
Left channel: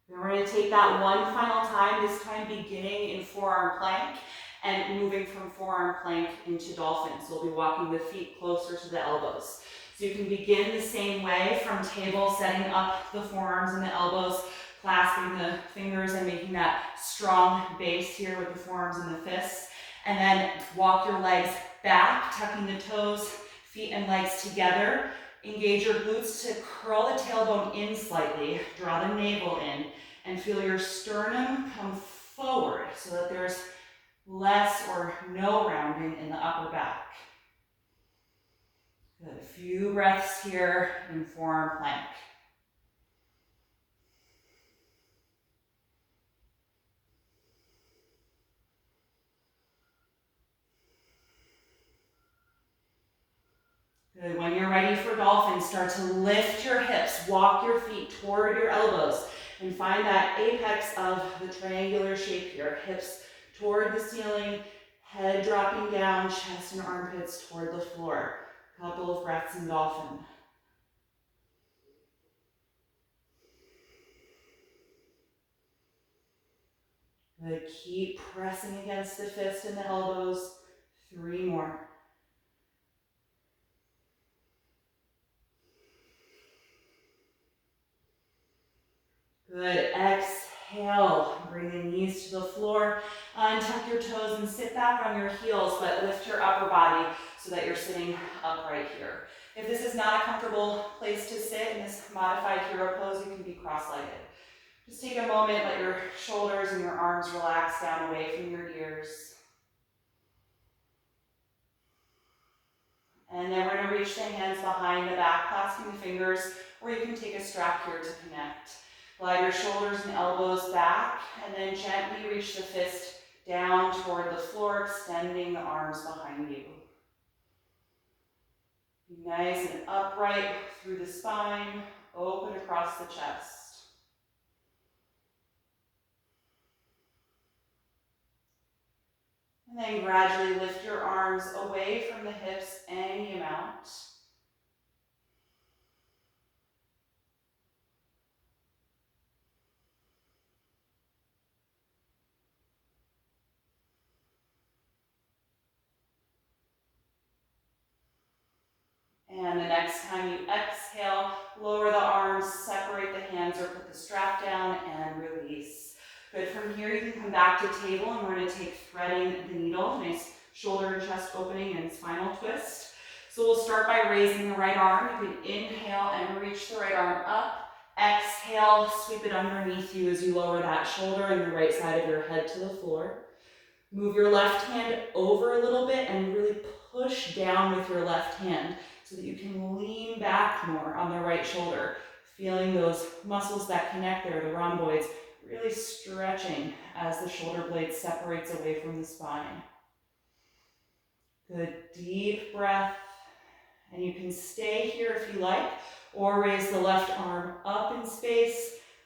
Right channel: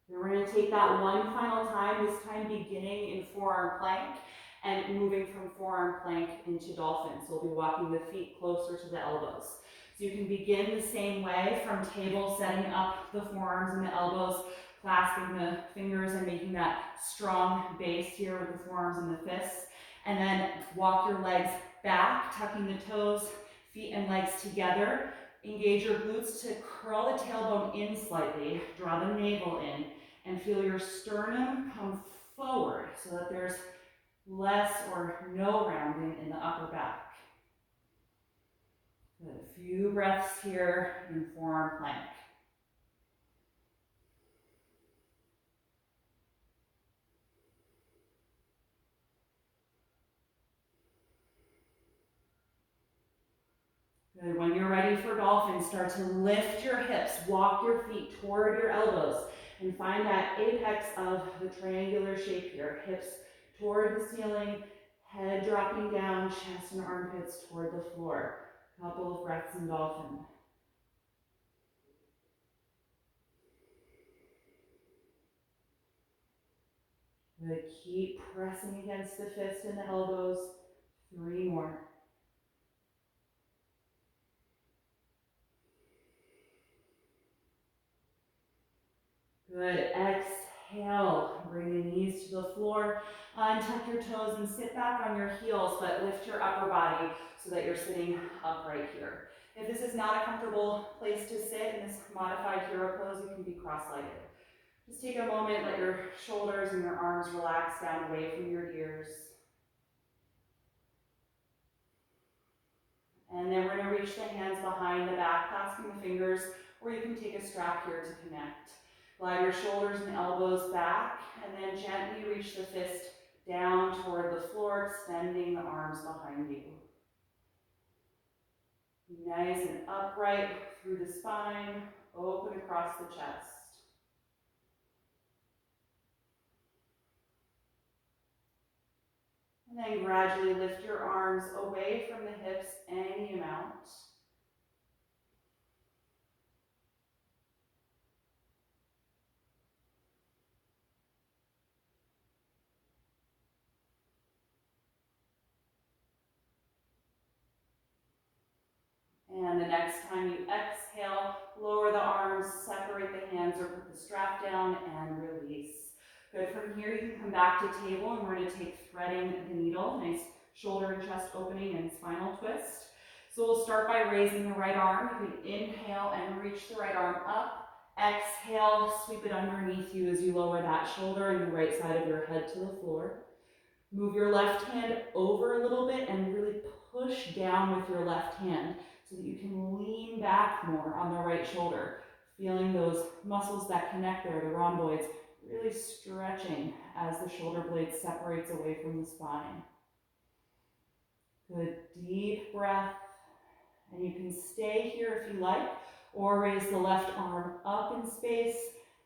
Then we're going to take that one final time, this time beginning in forearm plank and moving from forearm plank into dolphin. So we'll be walking the feet closer to the elbows. So you can begin the same way from table, setting up the forearms and the elbows, clasping the fingers and making that strong base here with the forearms and the fists. And then walk your legs back, tucking the toes, feet and legs together. Engage your glutes to curl the tailbone in slightly, draw the navel in, and feel your sternum come forward so that there's less or no rounding in the upper back. Good. A few breaths here in forearm plank. Good. When you're ready for dolphin, start to lift your hips, walk your feet toward your elbows, and find that apex of the triangular shape here. Hips toward the ceiling, head dropping down, chest and armpits toward the floor. Couple of breaths in dolphin. Good. Keep pressing against the fist and the elbows. 3 more. Good. Exhale. Bring the knees to the floor. Untuck your toes and sit back on your heels, but lift your upper body so that you're sitting upright here. If this is not a comfortable place to sit in this modified hero pose, you can be cross-legged. Just take a moment, let your shoulders and your arms relax down away from your ears. And then we're going to reach the hands behind the back, clasping the fingers, or you can take a strap here to connect. Glide your shoulders and elbows back, and then gently reach the fist down toward the floor, extending the arms behind you. Be nice and upright through the spine, open across the chest. And then gradually lift your arms away from the hips any amount. And the next time you exhale, lower the arms, separate the hands or put the strap down and release. Good. From here, you can come back to table and we're going to take threading the needle. Nice shoulder and chest opening and spinal twist. So we'll start by raising the right arm. You can inhale and reach the right arm up. Exhale, sweep it underneath you as you lower that shoulder and the right side of your head to the floor. Move your left hand over a little bit and really push down with your left hand so that you can lean back more on the right shoulder, feeling those muscles that connect there, the rhomboids, really stretching as the shoulder blade separates away from the spine. Good, deep breath. And you can stay here if you like, or raise the left arm up in space,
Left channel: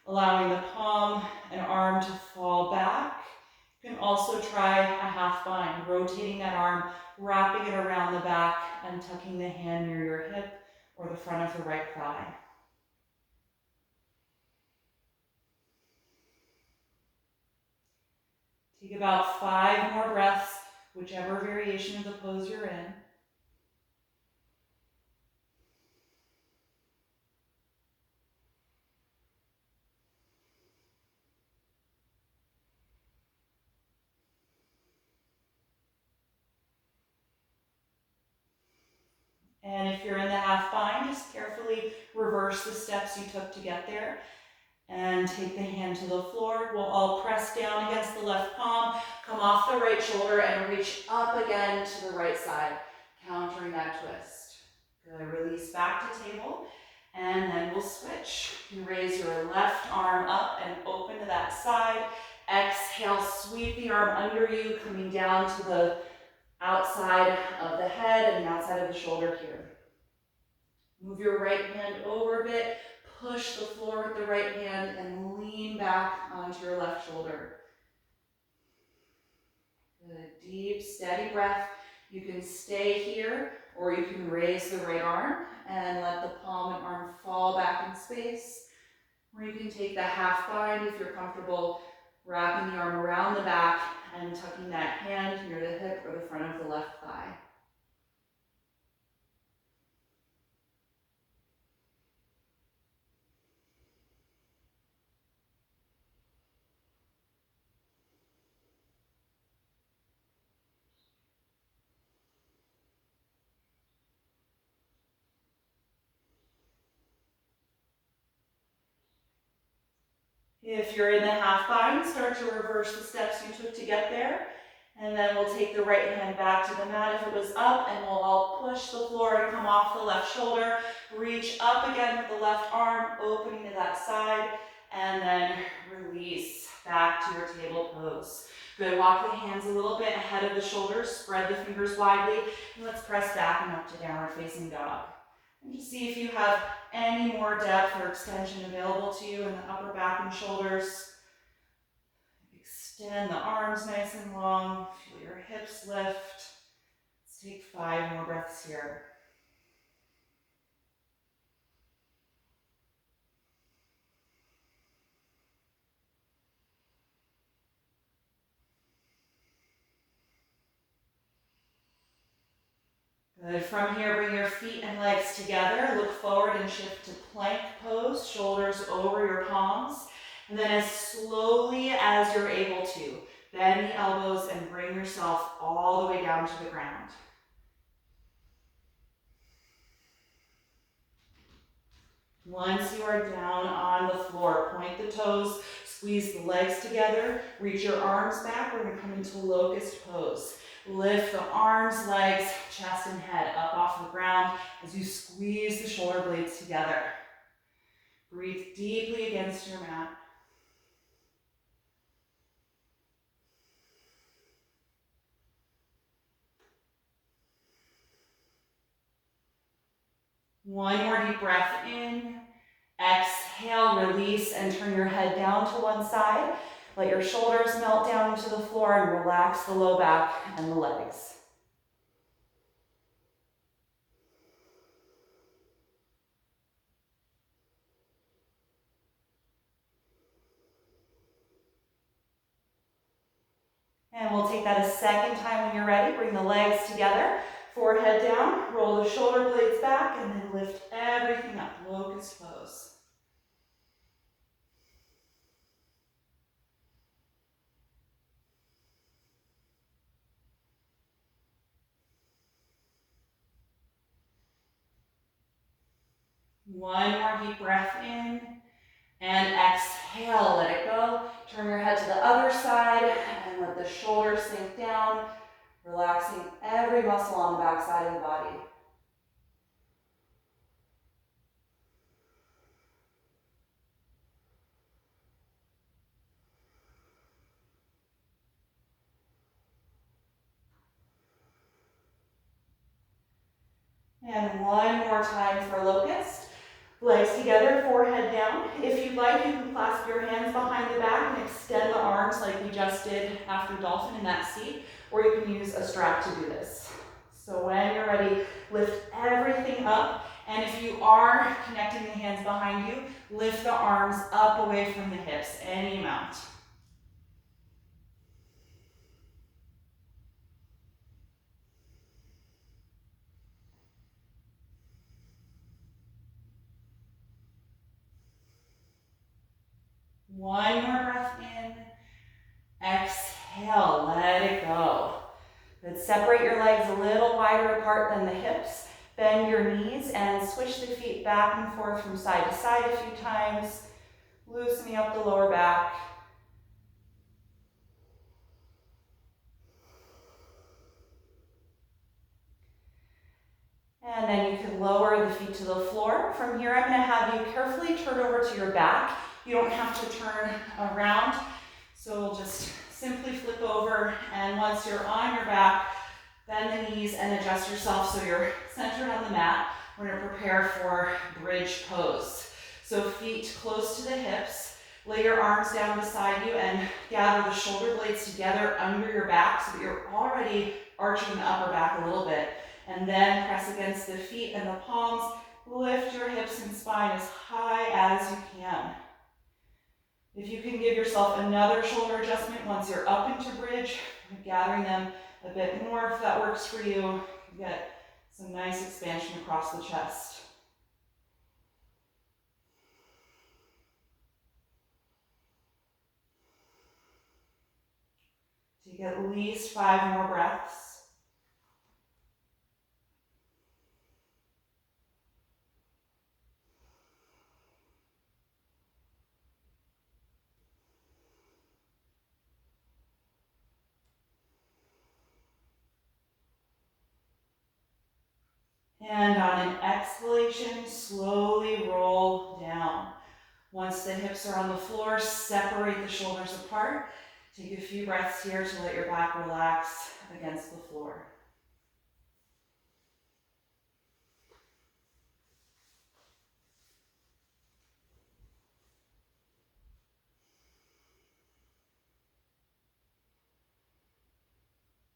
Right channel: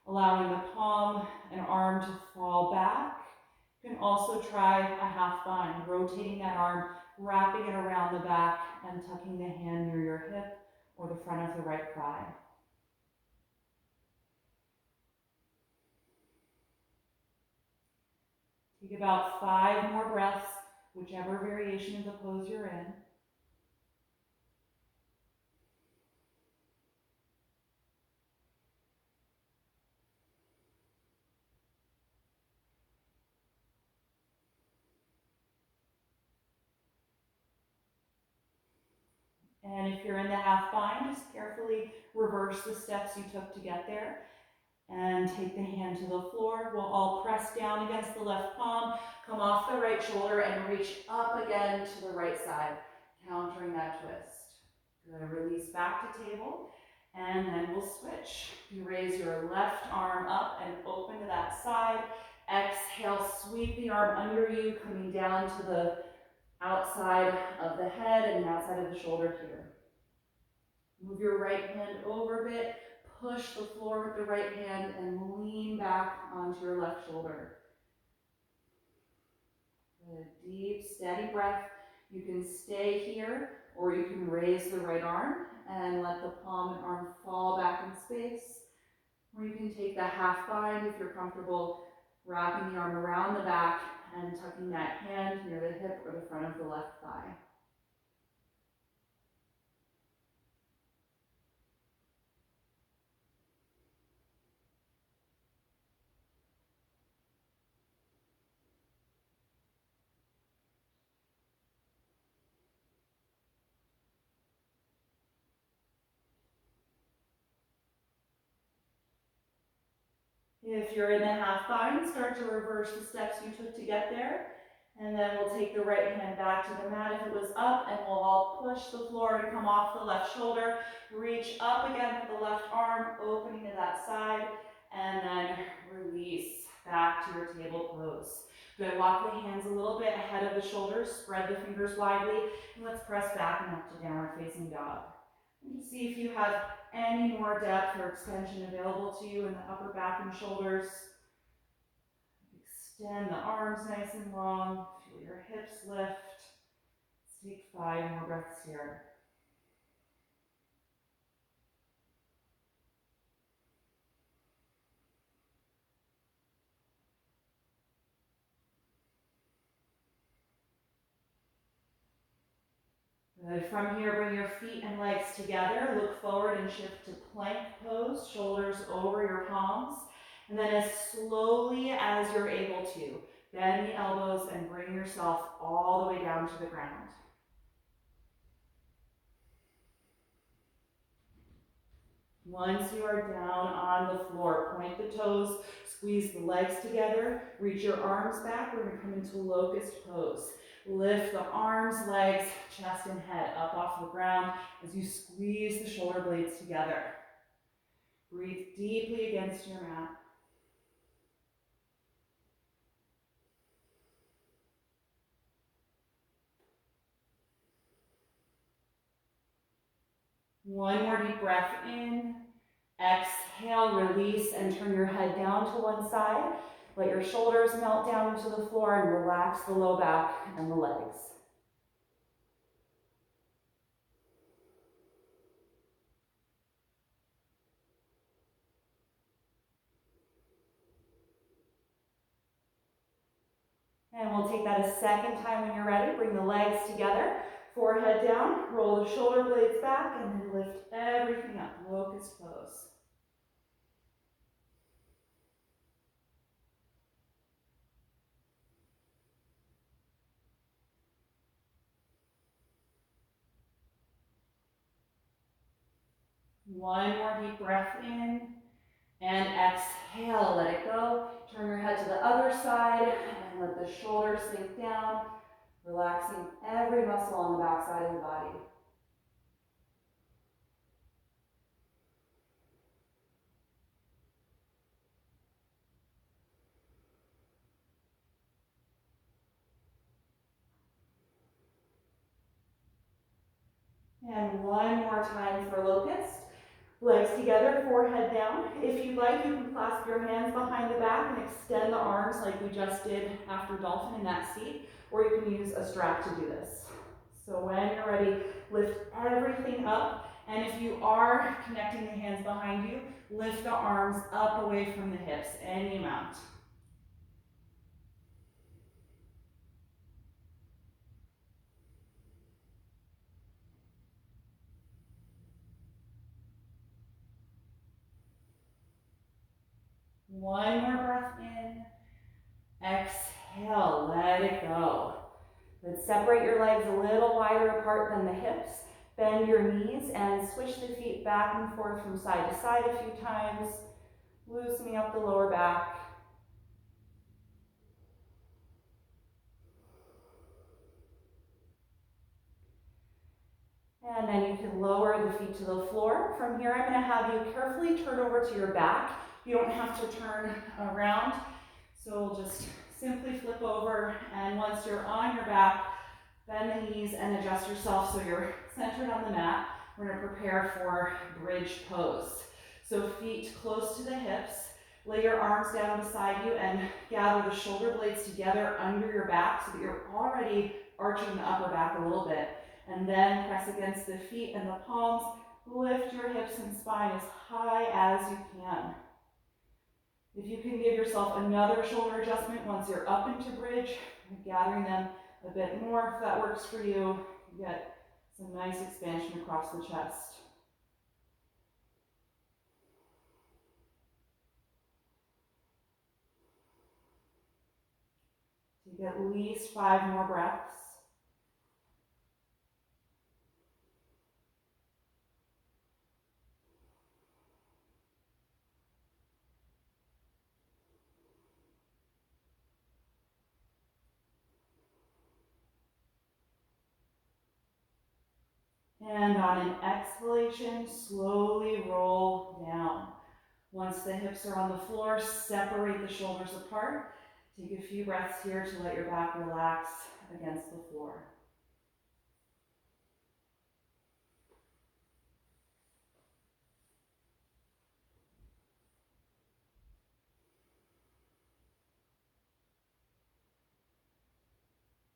allowing the palm and arm to fall back. You can also try a half bind, rotating that arm, wrapping it around the back, and tucking the hand near your hip or the front of the right thigh. Take about 5 more breaths, whichever variation of the pose you're in. And if you're in the half bind, just carefully reverse the steps you took to get there. And take the hand to the floor. We'll all press down against the left palm, come off the right shoulder, and reach up again to the right side, countering that twist. Good. Release back to table, and then we'll switch. You raise your left arm up and open to that side. Exhale, sweep the arm under you, coming down to the outside of the head and the outside of the shoulder here. Move your right hand over a bit. Push the floor with the right hand and lean back onto your left shoulder. Good, deep, steady breath. You can stay here, or you can raise the right arm and let the palm and arm fall back in space. Or you can take the half bind if you're comfortable, wrapping the arm around the back and tucking that hand near the hip or the front of the left thigh. If you're in the half bind, start to reverse the steps you took to get there. And then we'll take the right hand back to the mat if it was up, and we'll all push the floor and come off the left shoulder. Reach up again with the left arm, opening to that side, and then release back to your table pose. Good, walk the hands a little bit ahead of the shoulders, spread the fingers widely, and let's press back and up to downward facing dog. And just see if you have any more depth or extension available to you in the upper back and shoulders. Extend the arms nice and long, feel your hips lift. Let's take 5 more breaths here. Good. From here, bring your feet and legs together. Look forward and shift to plank pose, shoulders over your palms. And then as slowly as you're able to, bend the elbows and bring yourself all the way down to the ground. Once you are down on the floor, point the toes, squeeze the legs together, reach your arms back. We're going to come into Locust Pose. Lift the arms, legs, chest, and head up off the ground as you squeeze the shoulder blades together. Breathe deeply against your mat. One more deep breath in. Exhale, release, and turn your head down to one side. Let your shoulders melt down into the floor and relax the low back and the legs. And we'll take that a second time when you're ready. Bring the legs together, forehead down, roll the shoulder blades back, and then lift everything up. Locust Pose. One more deep breath in, and exhale, let it go. Turn your head to the other side, and let the shoulders sink down, relaxing every muscle on the back side of the body. And one more time for Locust. Legs together, forehead down. If you'd like, you can clasp your hands behind the back and extend the arms like we just did after dolphin in that seat, or you can use a strap to do this. So when you're ready, lift everything up, and if you are connecting the hands behind you, lift the arms up away from the hips, any amount. One more breath in. Exhale, let it go. Good. Separate your legs a little wider apart than the hips. Bend your knees and switch the feet back and forth from side to side a few times, loosening up the lower back. And then you can lower the feet to the floor. From here, I'm going to have you carefully turn over to your back. You don't have to turn around, so we'll just simply flip over, and once you're on your back, bend the knees and adjust yourself so you're centered on the mat. We're going to prepare for bridge pose. So feet close to the hips, lay your arms down beside you and gather the shoulder blades together under your back so that you're already arching the upper back a little bit. And then press against the feet and the palms. Lift your hips and spine as high as you can. If you can give yourself another shoulder adjustment once you're up into bridge, gathering them a bit more if that works for you, get some nice expansion across the chest. Take at least 5 more breaths. And on an exhalation, slowly roll down. Once the hips are on the floor, separate the shoulders apart. Take a few breaths here to let your back relax against the floor.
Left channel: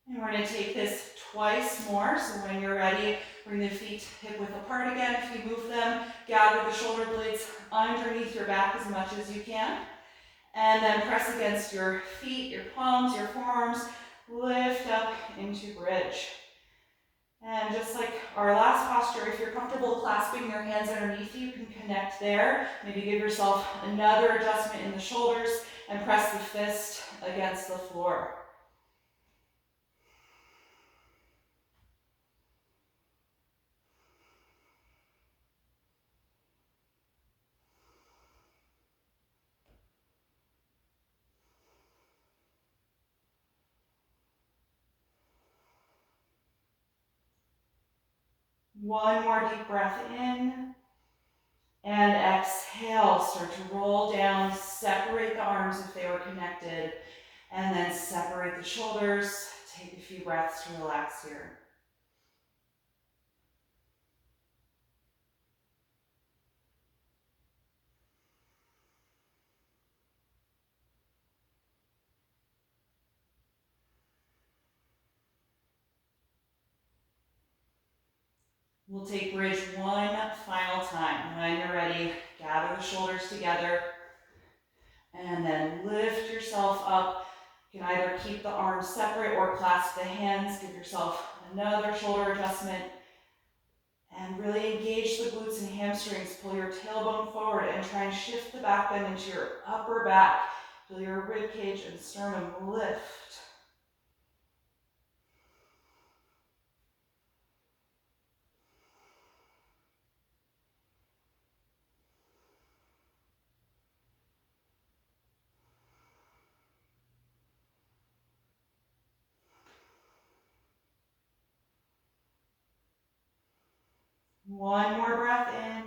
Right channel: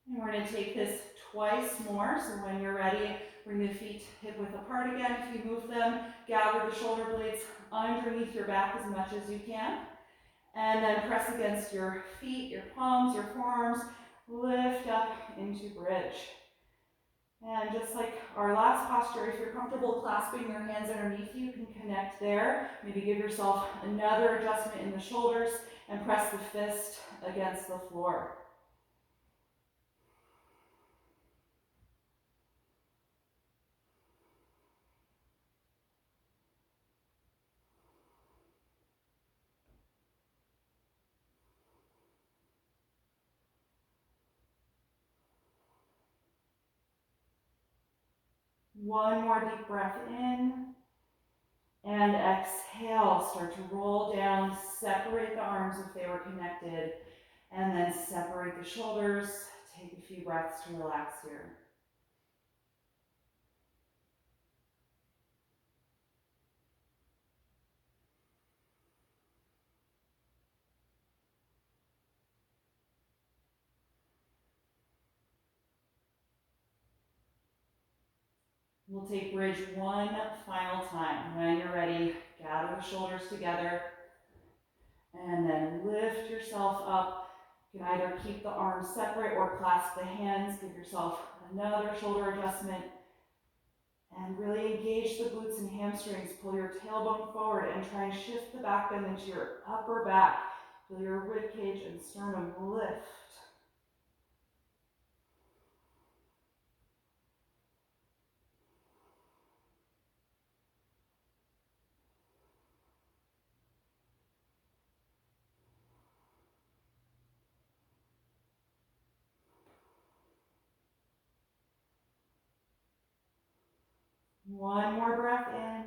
And we're going to take this twice more. So when you're ready, bring the feet hip width apart again. If you move them, gather the shoulder blades underneath your back as much as you can. And then press against your feet, your palms, your forearms. Lift up into bridge. And just like our last posture, if you're comfortable clasping your hands underneath you, you can connect there. Maybe give yourself another adjustment in the shoulders and press the fist against the floor. One more deep breath in. And exhale, start to roll down, separate the arms if they were connected, and then separate the shoulders. Take a few breaths to relax here. We'll take bridge one final time. When you're ready, gather the shoulders together and then lift yourself up. You can either keep the arms separate or clasp the hands. Give yourself another shoulder adjustment and really engage the glutes and hamstrings. Pull your tailbone forward and try and shift the back bend into your upper back. Feel your rib cage and sternum lift. One more breath in.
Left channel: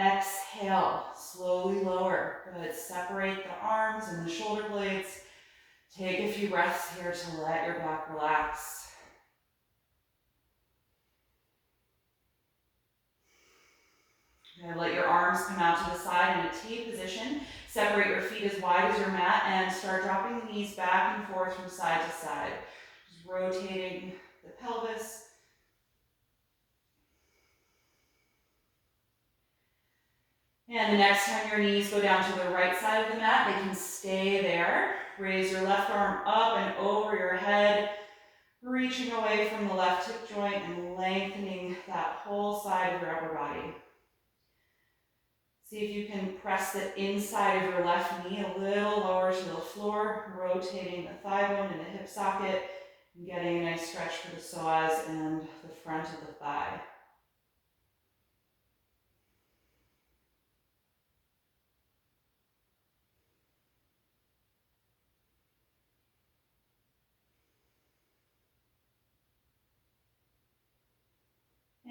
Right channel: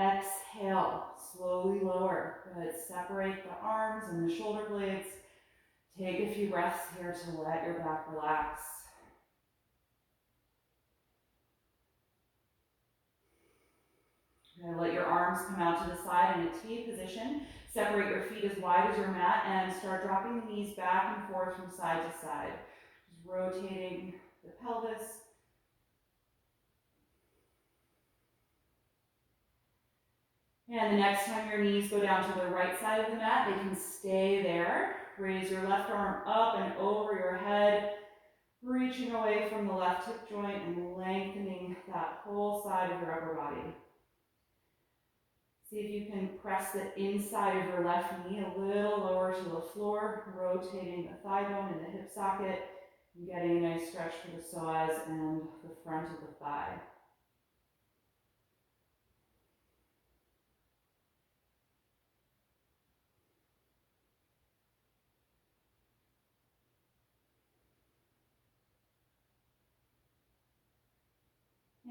Exhale, slowly lower. Good. Separate the arms and the shoulder blades. Take a few breaths here to let your back relax. Let your arms come out to the side in a T position. Separate your feet as wide as your mat and start dropping the knees back and forth from side to side. Just rotating the pelvis. And the next time your knees go down to the right side of the mat, they can stay there. Raise your left arm up and over your head, reaching away from the left hip joint and lengthening that whole side of your upper body. See if you can press the inside of your left knee a little lower to the floor, rotating the thigh bone and the hip socket, and getting a nice stretch for the psoas and the front of the thigh.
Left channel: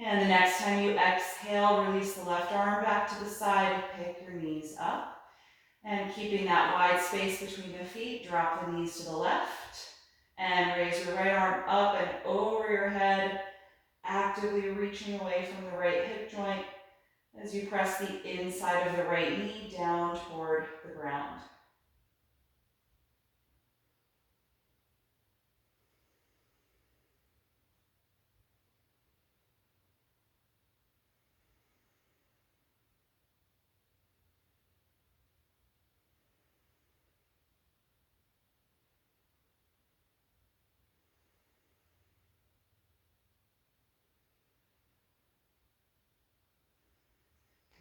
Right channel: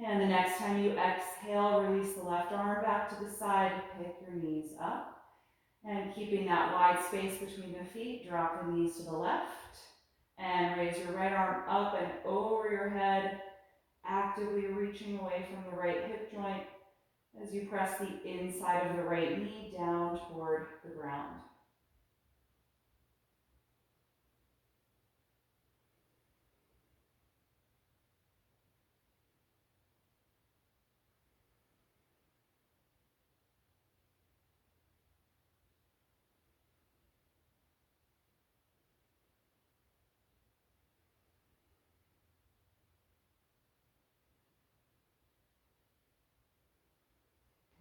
And the next time you exhale, release the left arm back to the side, pick your knees up. And keeping that wide space between the feet, drop the knees to the left. And raise your right arm up and over your head, actively reaching away from the right hip joint as you press the inside of the right knee down toward the ground.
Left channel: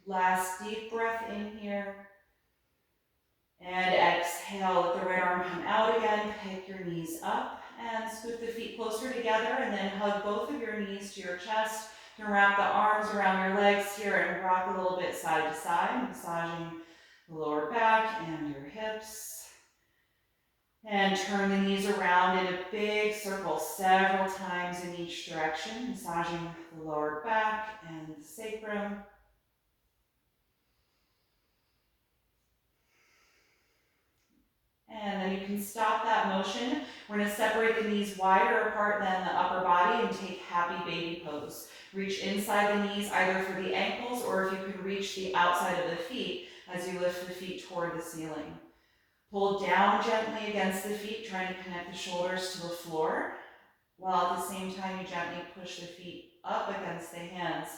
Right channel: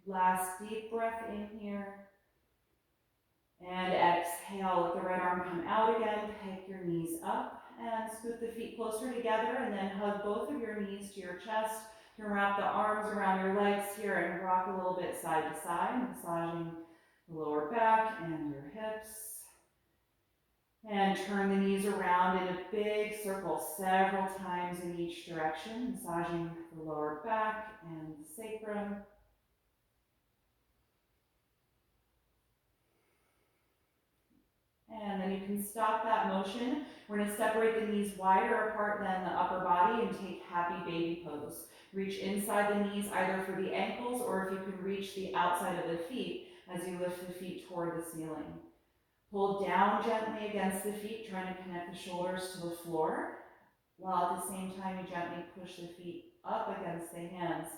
Last deep breath in here. And exhale, let the right arm come out again, pick your knees up and scoot the feet closer together and then hug both of your knees to your chest. You can wrap the arms around your legs here and rock a little bit side to side, massaging the lower back and your hips. And turn the knees around in a big circle several times in each direction, massaging the lower back and the sacrum. And then you can stop that motion. We're gonna separate the knees wider apart than the upper body and take happy baby pose. Reach inside the knees either for the ankles or if you can reach the outside of the feet as you lift the feet toward the ceiling. Pull down gently against the feet, trying to connect the shoulders to the floor, while at the same time you gently push the feet up against the hands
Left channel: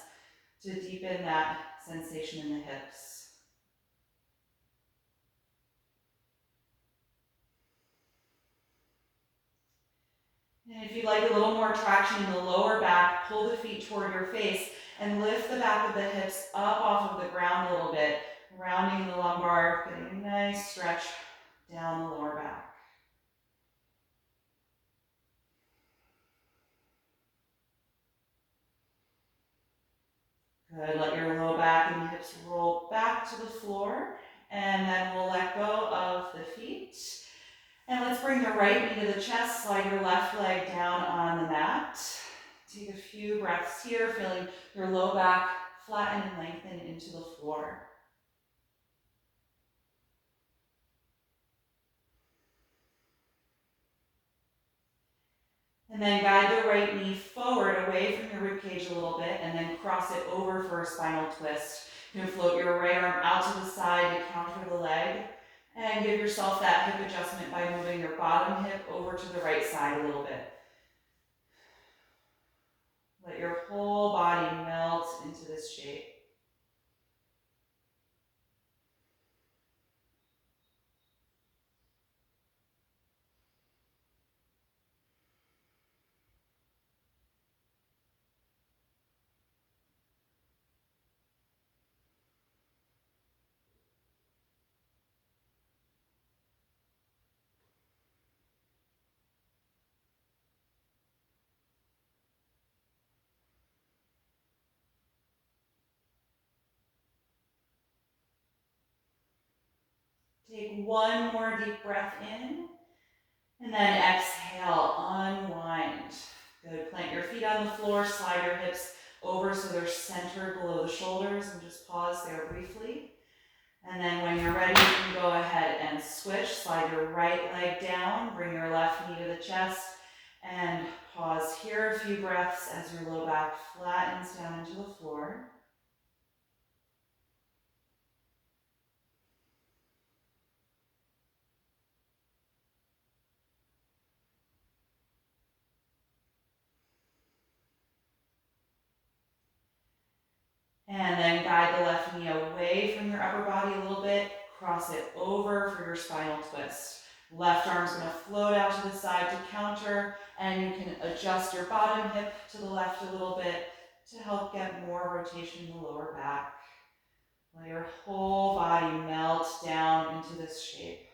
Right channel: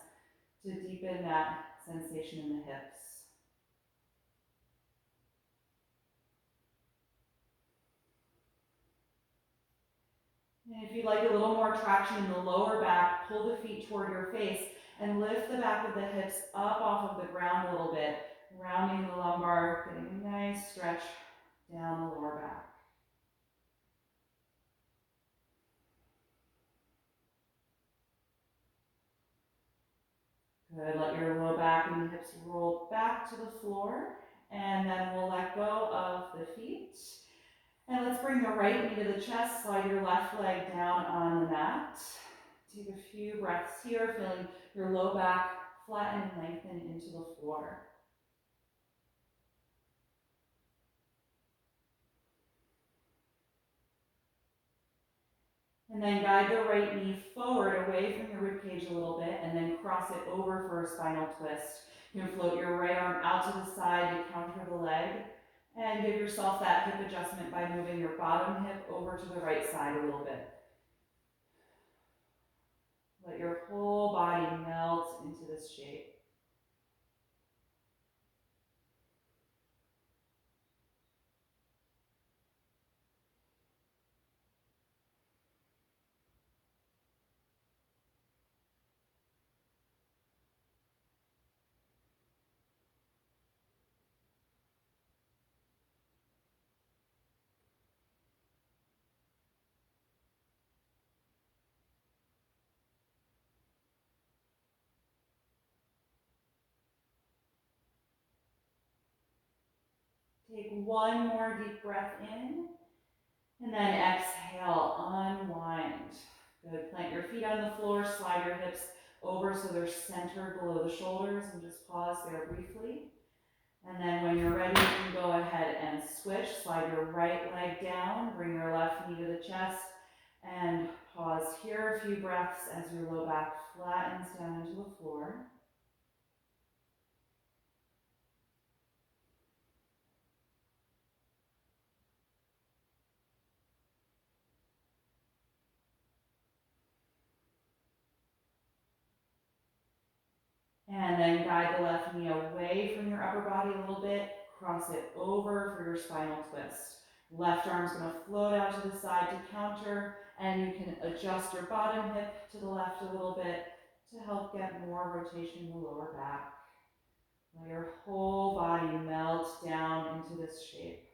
to deepen that sensation in the hips. And if you'd like a little more traction in the lower back, pull the feet toward your face and lift the back of the hips up off of the ground a little bit, rounding the lumbar, getting a nice stretch down the lower back. Good, let your low back and hips roll back to the floor, and then we'll let go of the feet. And let's bring the right knee to the chest, slide your left leg down on the mat. Take a few breaths here, feeling your low back flatten and lengthen into the floor. And then guide the right knee forward away from your ribcage a little bit and then cross it over for a spinal twist. You can float your right arm out to the side to counter the leg and give yourself that hip adjustment by moving your bottom hip over to the right side a little bit. Let your whole body melt into this shape. Take one more deep breath in, and then exhale, unwind. Good, plant your feet on the floor, slide your hips over so they're centered below the shoulders, and just pause there briefly. And then when you're ready, you can go ahead and switch. Slide your right leg down, bring your left knee to the chest, and pause here a few breaths as your low back flattens down into the floor. And then guide the left knee away from your upper body a little bit. Cross it over for your spinal twist. Left arm's gonna float out to the side to counter, and you can adjust your bottom hip to the left a little bit to help get more rotation in the lower back. Let your whole body melt down into this shape.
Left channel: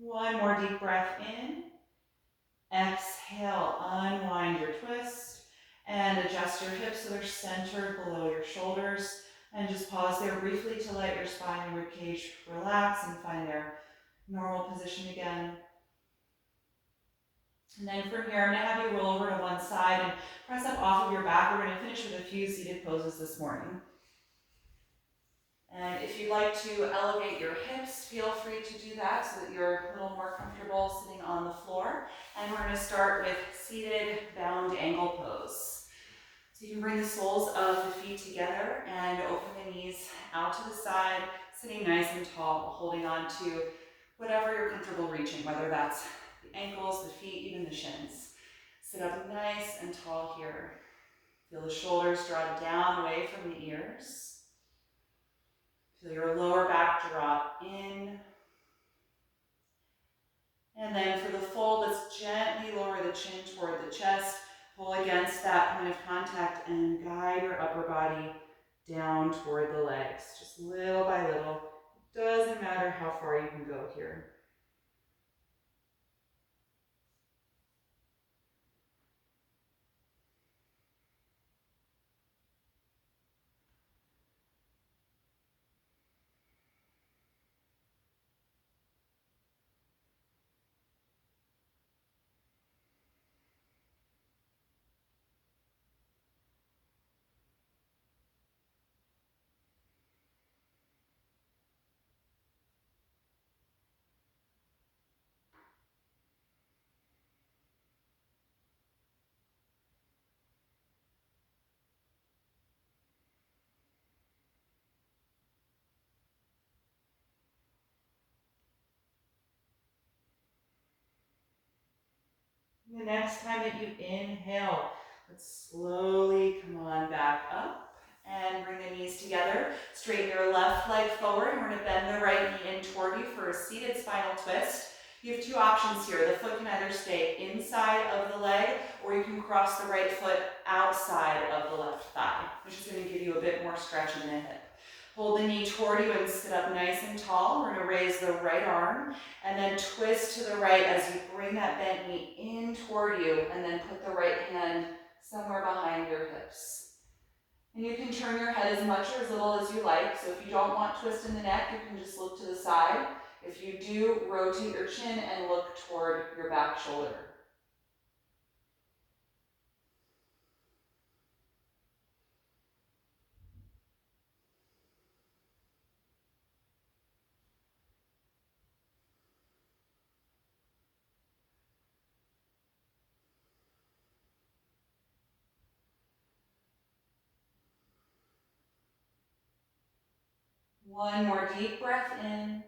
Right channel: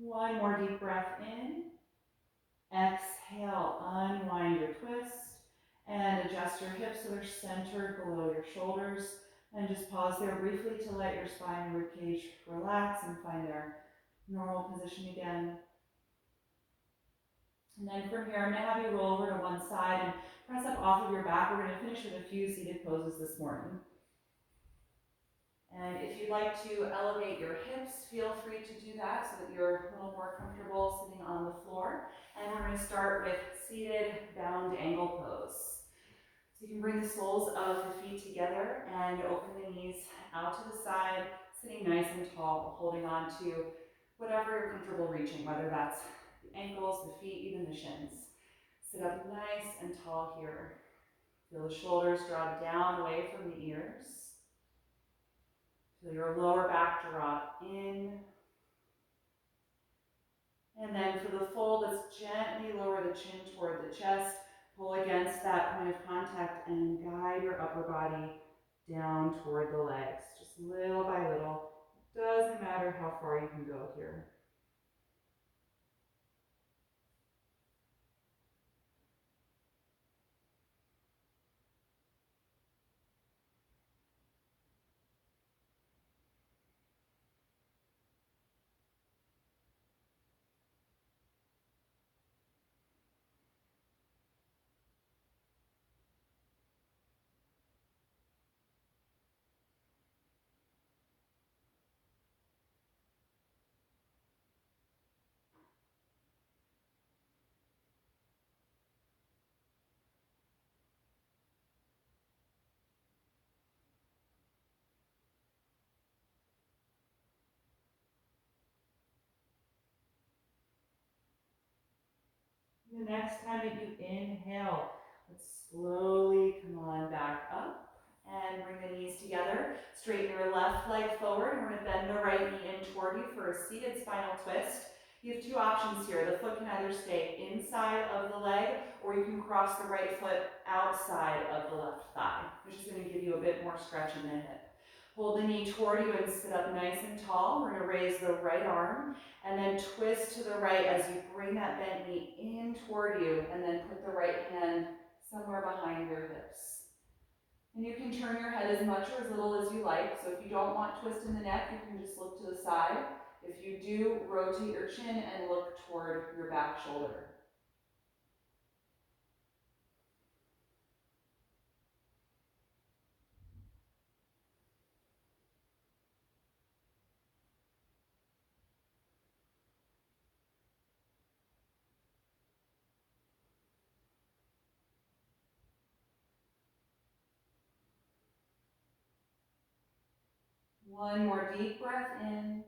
One more deep breath in. Exhale, unwind your twist and adjust your hips so they're centered below your shoulders. And just pause there briefly to let your spine and ribcage relax and find their normal position again. And then from here, I'm gonna have you roll over to one side and press up off of your back. We're gonna finish with a few seated poses this morning. And if you'd like to elevate your hips, feel free to do that so that you're a little more comfortable sitting on the floor. And we're gonna start with seated bound angle pose. So you can bring the soles of the feet together and open the knees out to the side, sitting nice and tall, holding on to whatever you're comfortable reaching, whether that's the ankles, the feet, even the shins. Sit up nice and tall here. Feel the shoulders draw down away from the ears. Feel your lower back drop in. And then for the fold, let's gently lower the chin toward the chest. Pull against that point of contact and guide your upper body down toward the legs. Just little by little, Doesn't matter how far you can go here. The next time that you inhale, let's slowly come on back up and bring the knees together. Straighten your left leg forward. We're going to bend the right knee in toward you for a seated spinal twist. You have two options here. The foot can either stay inside of the leg, or you can cross the right foot outside of the left thigh, which is going to give you a bit more stretch in the hip. Hold the knee toward you and sit up nice and tall. We're going to raise the right arm and then twist to the right as you bring that bent knee in toward you, and then put the right hand somewhere behind your hips. And you can turn your head as much or as little as you like. So if you don't want twist in the neck, you can just look to the side. If you do, rotate your chin and look toward your back shoulder. One more deep breath in.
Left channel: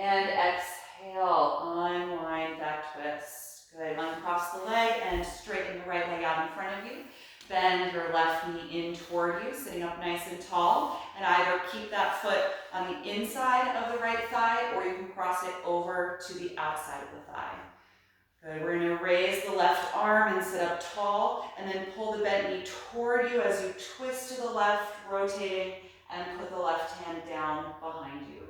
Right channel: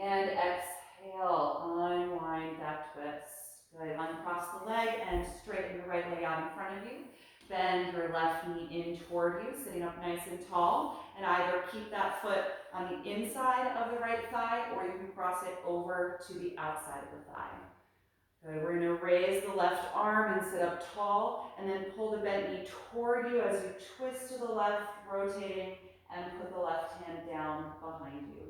And exhale, unwind that twist. Good, uncross the leg and straighten the right leg out in front of you. Bend your left knee in toward you, sitting up nice and tall. And either keep that foot on the inside of the right thigh, or you can cross it over to the outside of the thigh. Good, we're gonna raise the left arm and sit up tall, and then pull the bent knee toward you as you twist to the left, rotating, and put the left hand down behind you.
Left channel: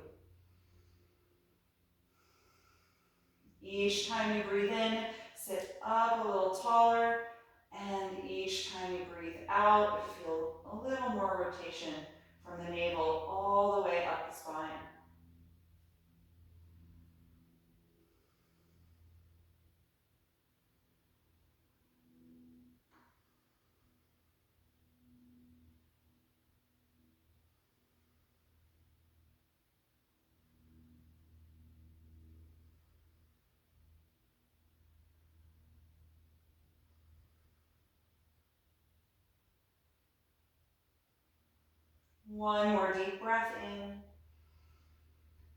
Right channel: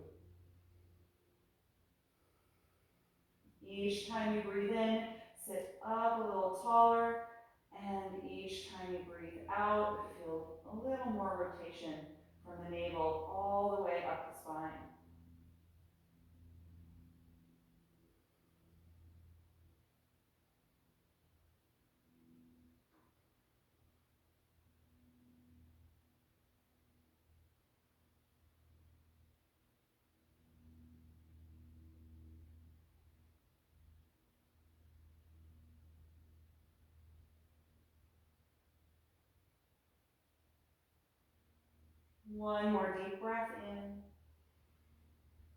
Each time you breathe in, sit up a little taller, and each time you breathe out, feel a little more rotation from the navel all the way up the spine. One more deep breath in,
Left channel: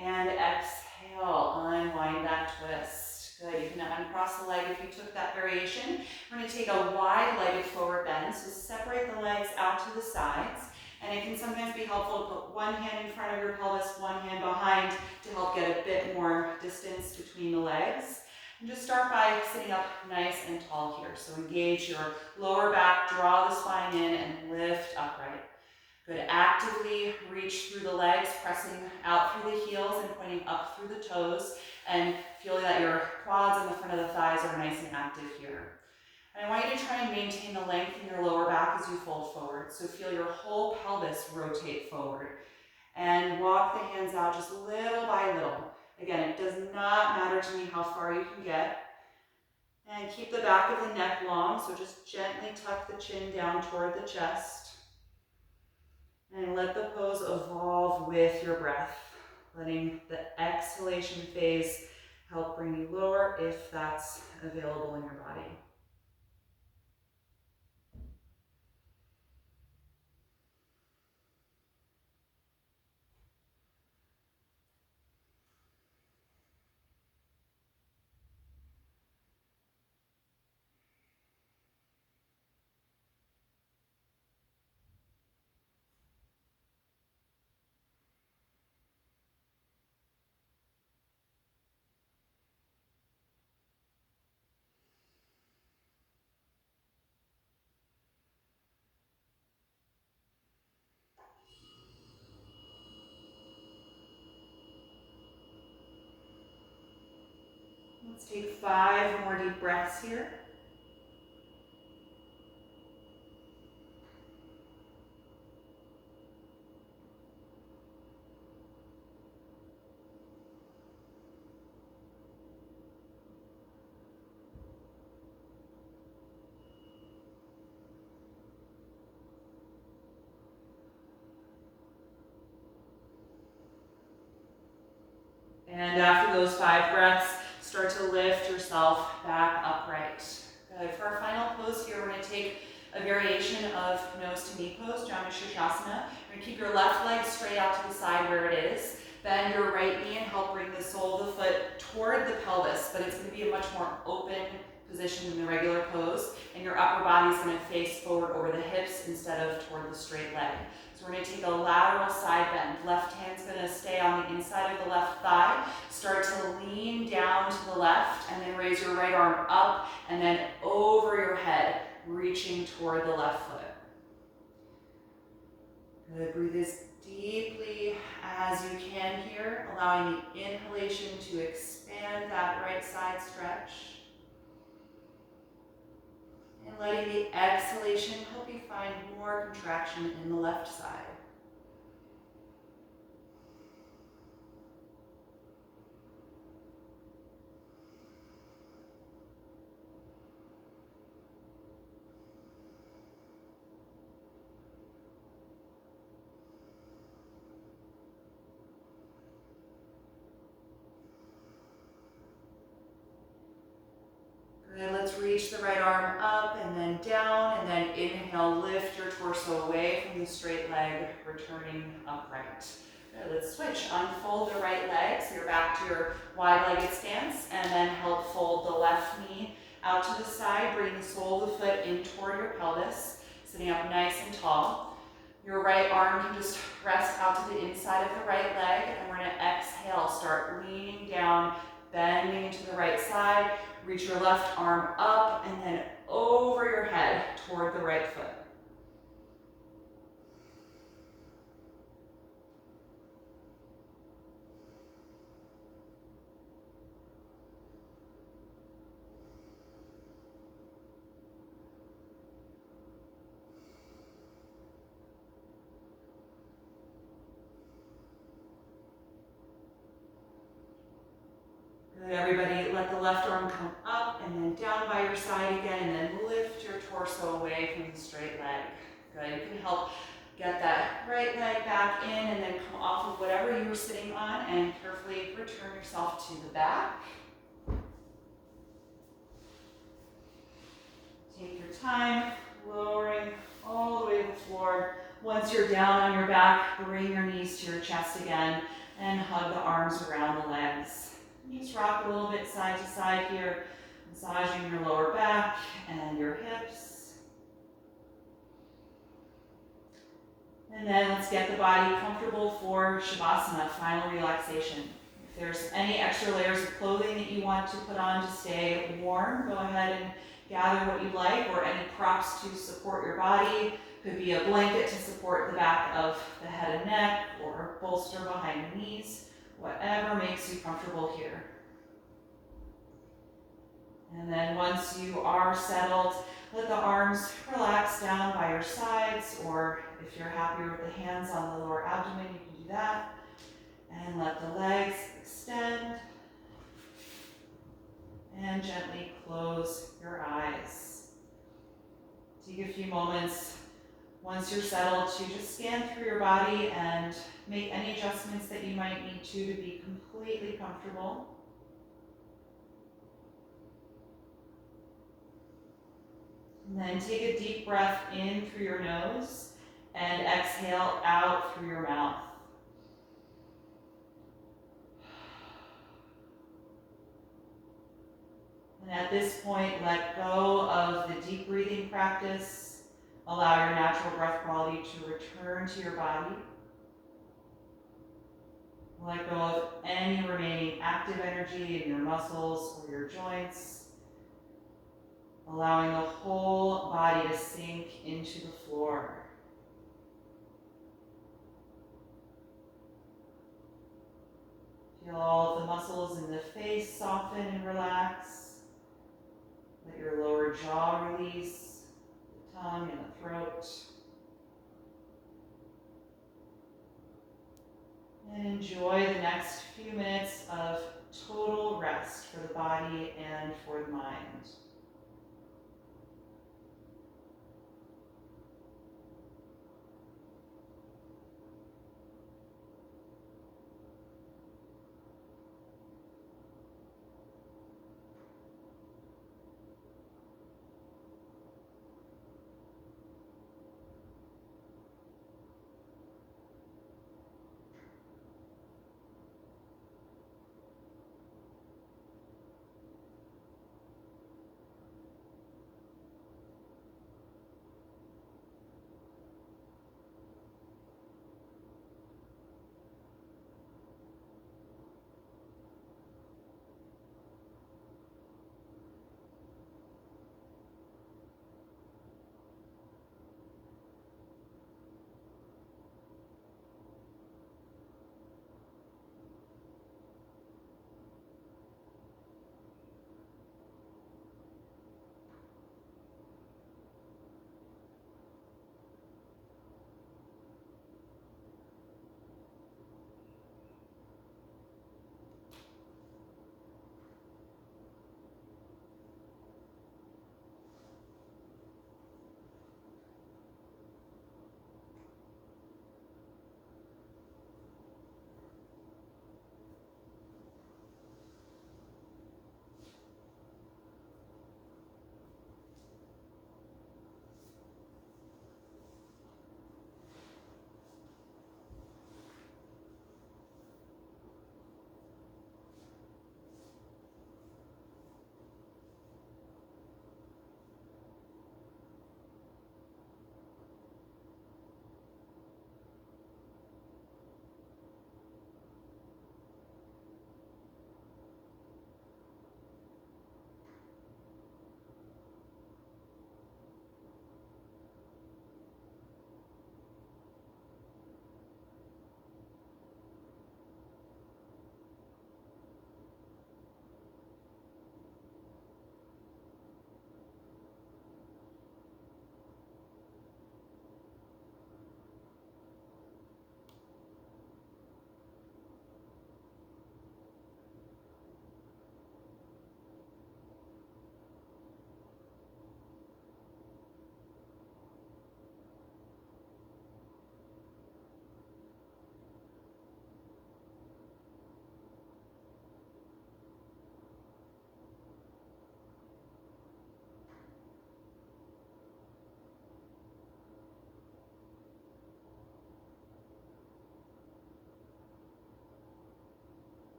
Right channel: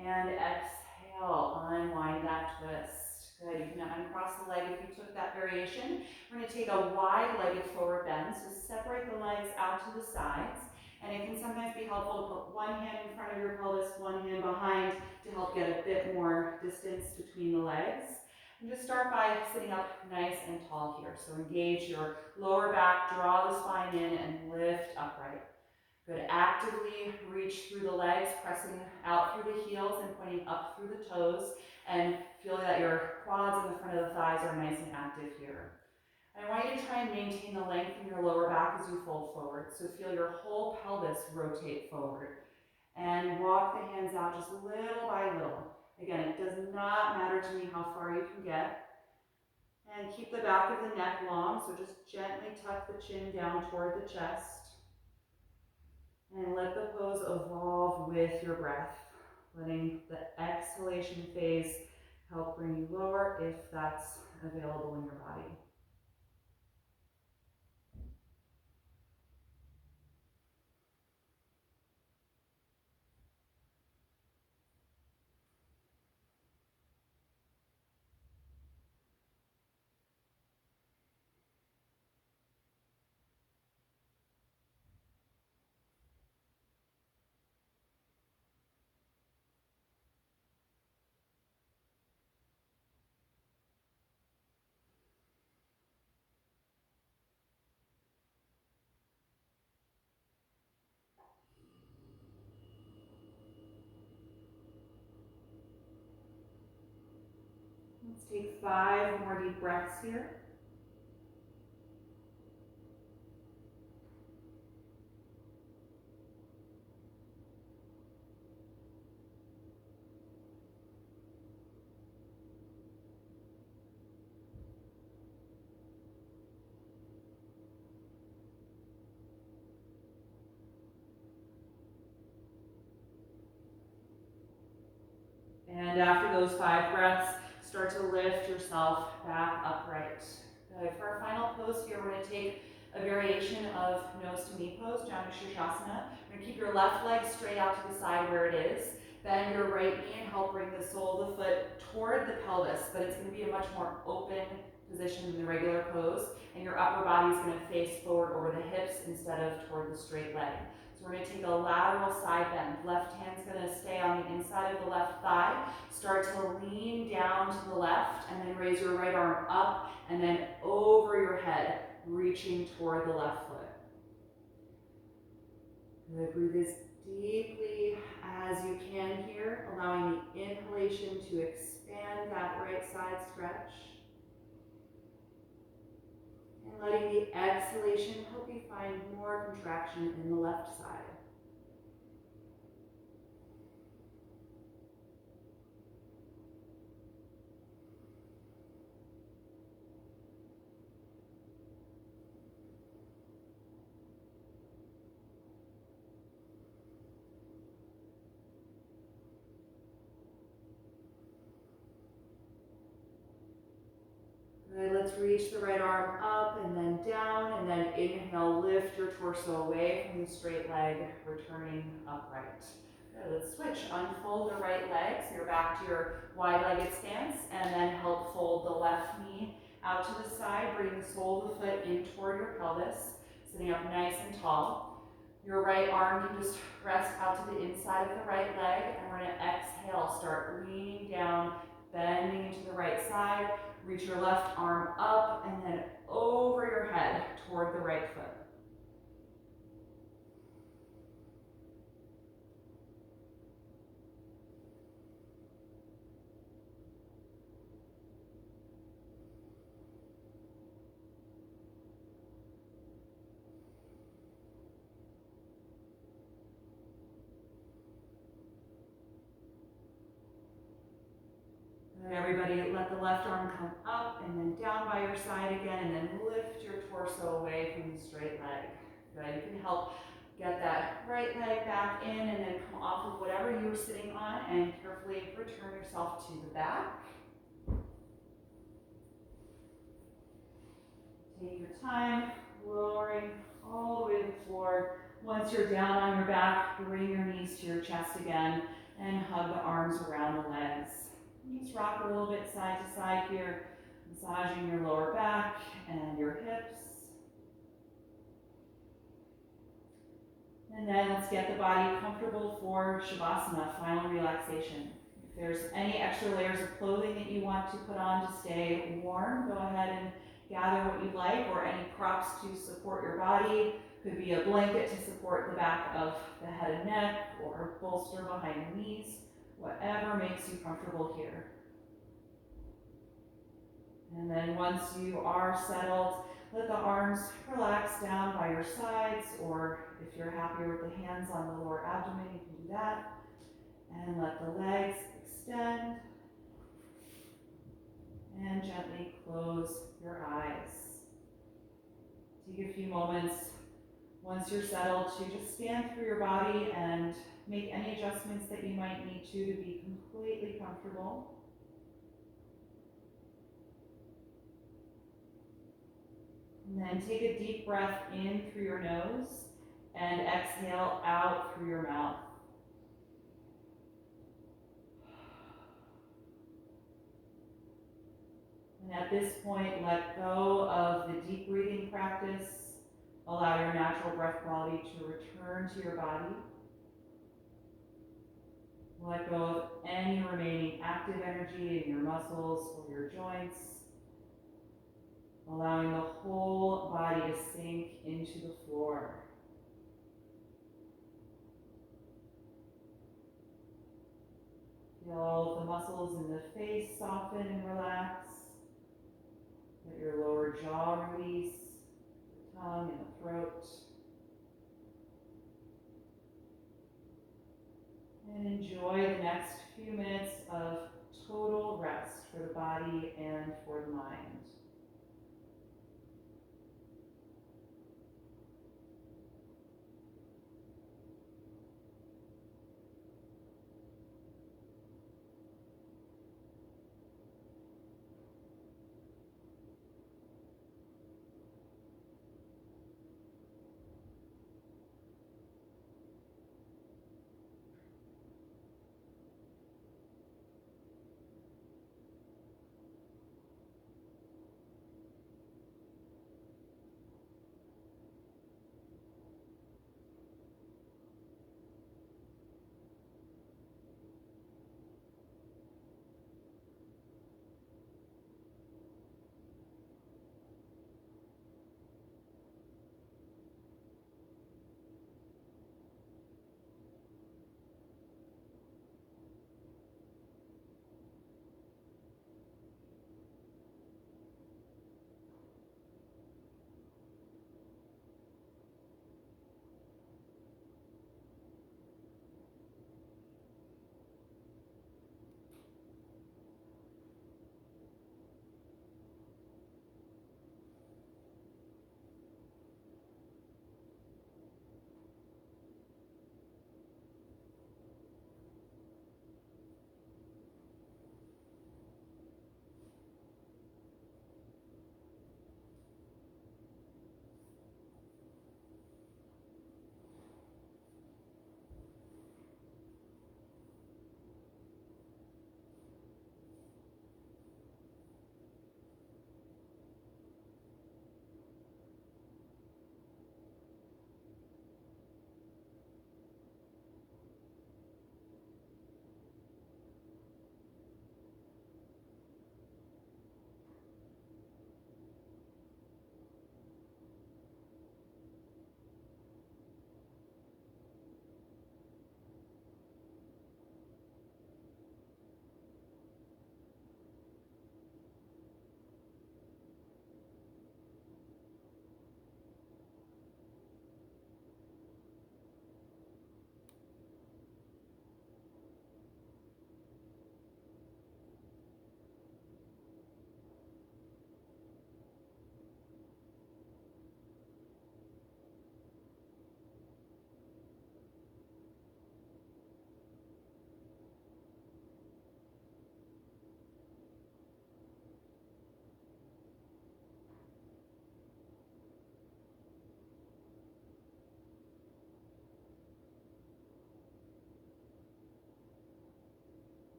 and exhale, unwind that twist. Good, you can uncross the leg if you took that variation. We're gonna take a wide-legged forward bend, so separate the legs out to the sides. And it can sometimes be helpful to put one hand in front of your pelvis, one hand behind, to help get a bit more distance between the legs. And just start by sitting up nice and tall here. So engage your lower back, draw the spine in, and lift upright. Good, actively reach through the legs, pressing out through the heels and pointing up through the toes, and feeling that your quads and the front of the thighs are nice and active here. And I want you to try and maintain the length in your lower back as you fold forward. So feel your whole pelvis rotate forward. And walk the hands out just little by little. Again, it does not matter to me how far you can get. And keep the back of the neck long, so just gently tuck the chin down toward the chest. And let the pose evolve with your breath, letting the exhalation phase help bring you lower if that's available in your body. Take 5 more deep breaths here. And after those 5 breaths, start to lift yourself back upright. Good. For our final pose here, we're going to take a variation of nose to knee pose, Shavasana. You're going to keep your left leg straight out to the side where it is. Bend your right knee and help bring the sole of the foot toward the pelvis, but it's going to be a much more open position than the regular pose. And your upper body is going to face forward over the hips instead of toward the straight leg. So we're going to take a lateral side bend. Left hand's going to stay on the inside of the left thigh. Start to lean down to the left and then raise your right arm up and then over your head, reaching toward the left foot. Good. Breathe as deeply as you can here, allowing the inhalation to expand that right side stretch. And letting the exhalation help you find more contraction in the left side. Good. Let's reach the right arm up and then down, and then inhale, lift your torso away from the straight leg, returning upright. Good. Let's switch. Unfold the right leg, so you're back to your wide-legged stance, and then help fold the left knee out to the side. Bring the sole of the foot in toward your pelvis, sitting up nice and tall. Your right arm can just rest out to the inside of the right leg, and we're going to exhale, start leaning down, bending into the right side. Reach your left arm up and then over your head toward the right foot. Good, everybody, let the left arm come up and then down by your side again, and then lift your torso away from the straight leg. Good, you can help get that right leg back in and then come off of whatever you were sitting on and carefully return yourself to the back. Take your time, lowering all the way to the floor. Once you're down on your back, bring your knees to your chest again and hug the arms around the legs. And just rock a little bit side to side here, massaging your lower back and your hips. And then let's get the body comfortable for Shavasana, final relaxation. If there's any extra layers of clothing that you want to put on to stay warm, go ahead and gather what you like, or any props to support your body. Could be a blanket to support the back of the head and neck, or a bolster behind the knees, whatever makes you comfortable here. And then once you are settled, let the arms relax down by your sides, or if you're happier with the hands on the lower abdomen, you can do that. And let the legs extend. And gently close your eyes. Take a few moments once you're settled to just scan through your body and make any adjustments that you might need to be completely comfortable. And then take a deep breath in through your nose and exhale out through your mouth. And at this point, let go of the deep breathing practice. Allow your natural breath quality to return to your body. Let go of any remaining active energy in your muscles or your joints. Allowing the whole body to sink into the floor. Feel all of the muscles in the face soften and relax. Let your lower jaw release, the tongue and the throat. And enjoy the next few minutes of total rest for the body and for the mind.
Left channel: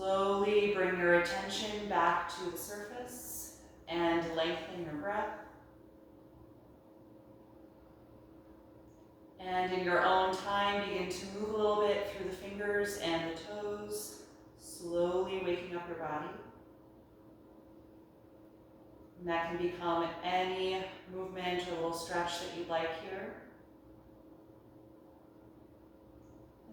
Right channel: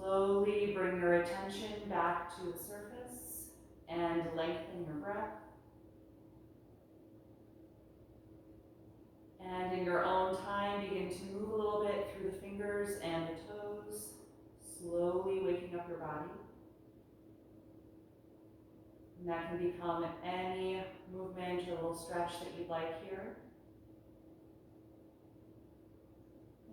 Slowly bring your attention back to the surface and lengthen your breath. And in your own time, begin to move a little bit through the fingers and the toes, slowly waking up your body. And that can become any movement or little stretch that you'd like here.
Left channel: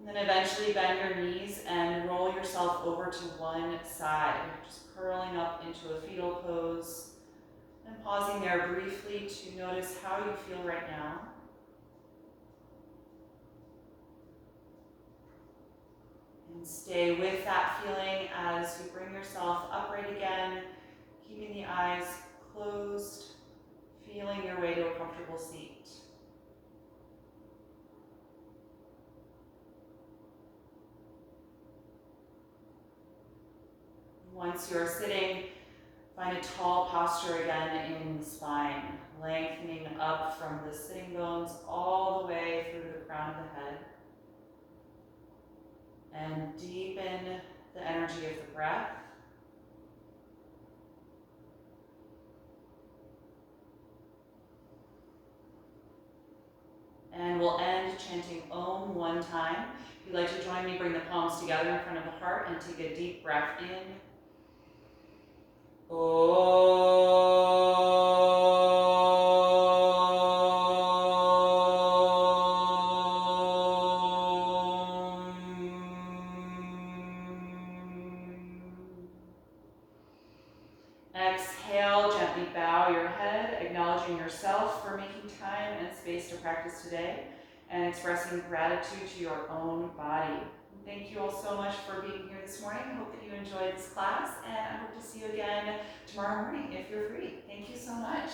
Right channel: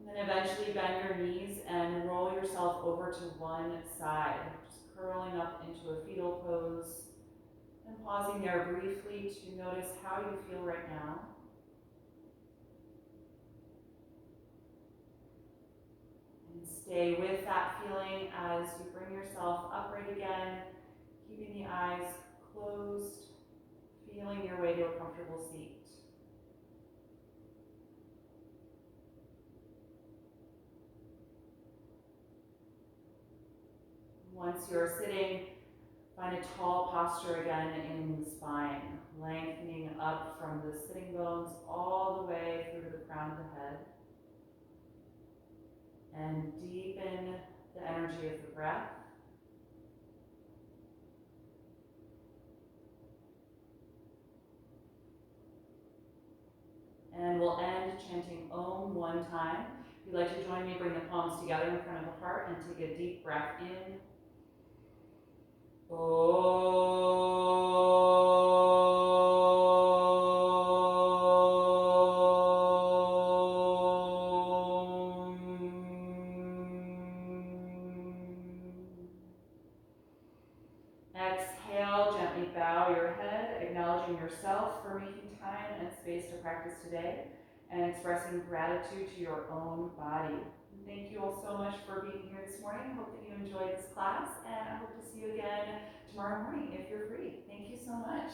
And then eventually bend your knees and roll yourself over to one side, just curling up into a fetal pose and pausing there briefly to notice how you feel right now. And Stay with that feeling as you bring yourself upright again, keeping the eyes closed, feeling your way to a comfortable seat. Once you're sitting, find a tall posture again in the spine, lengthening up from the sitting bones all the way through to the crown of the head. And deepen the energy of the breath. And we'll end chanting Om one time. If you'd like to join me, bring the palms together in front of the heart and take a deep breath in. Exhale, gently bow your head, acknowledging yourself for making time and space to practice today and expressing gratitude to your own body. Thank you all so much for being here this morning. I hope that you enjoyed this class, and I hope to see you again tomorrow morning if you're free. Thank you so much.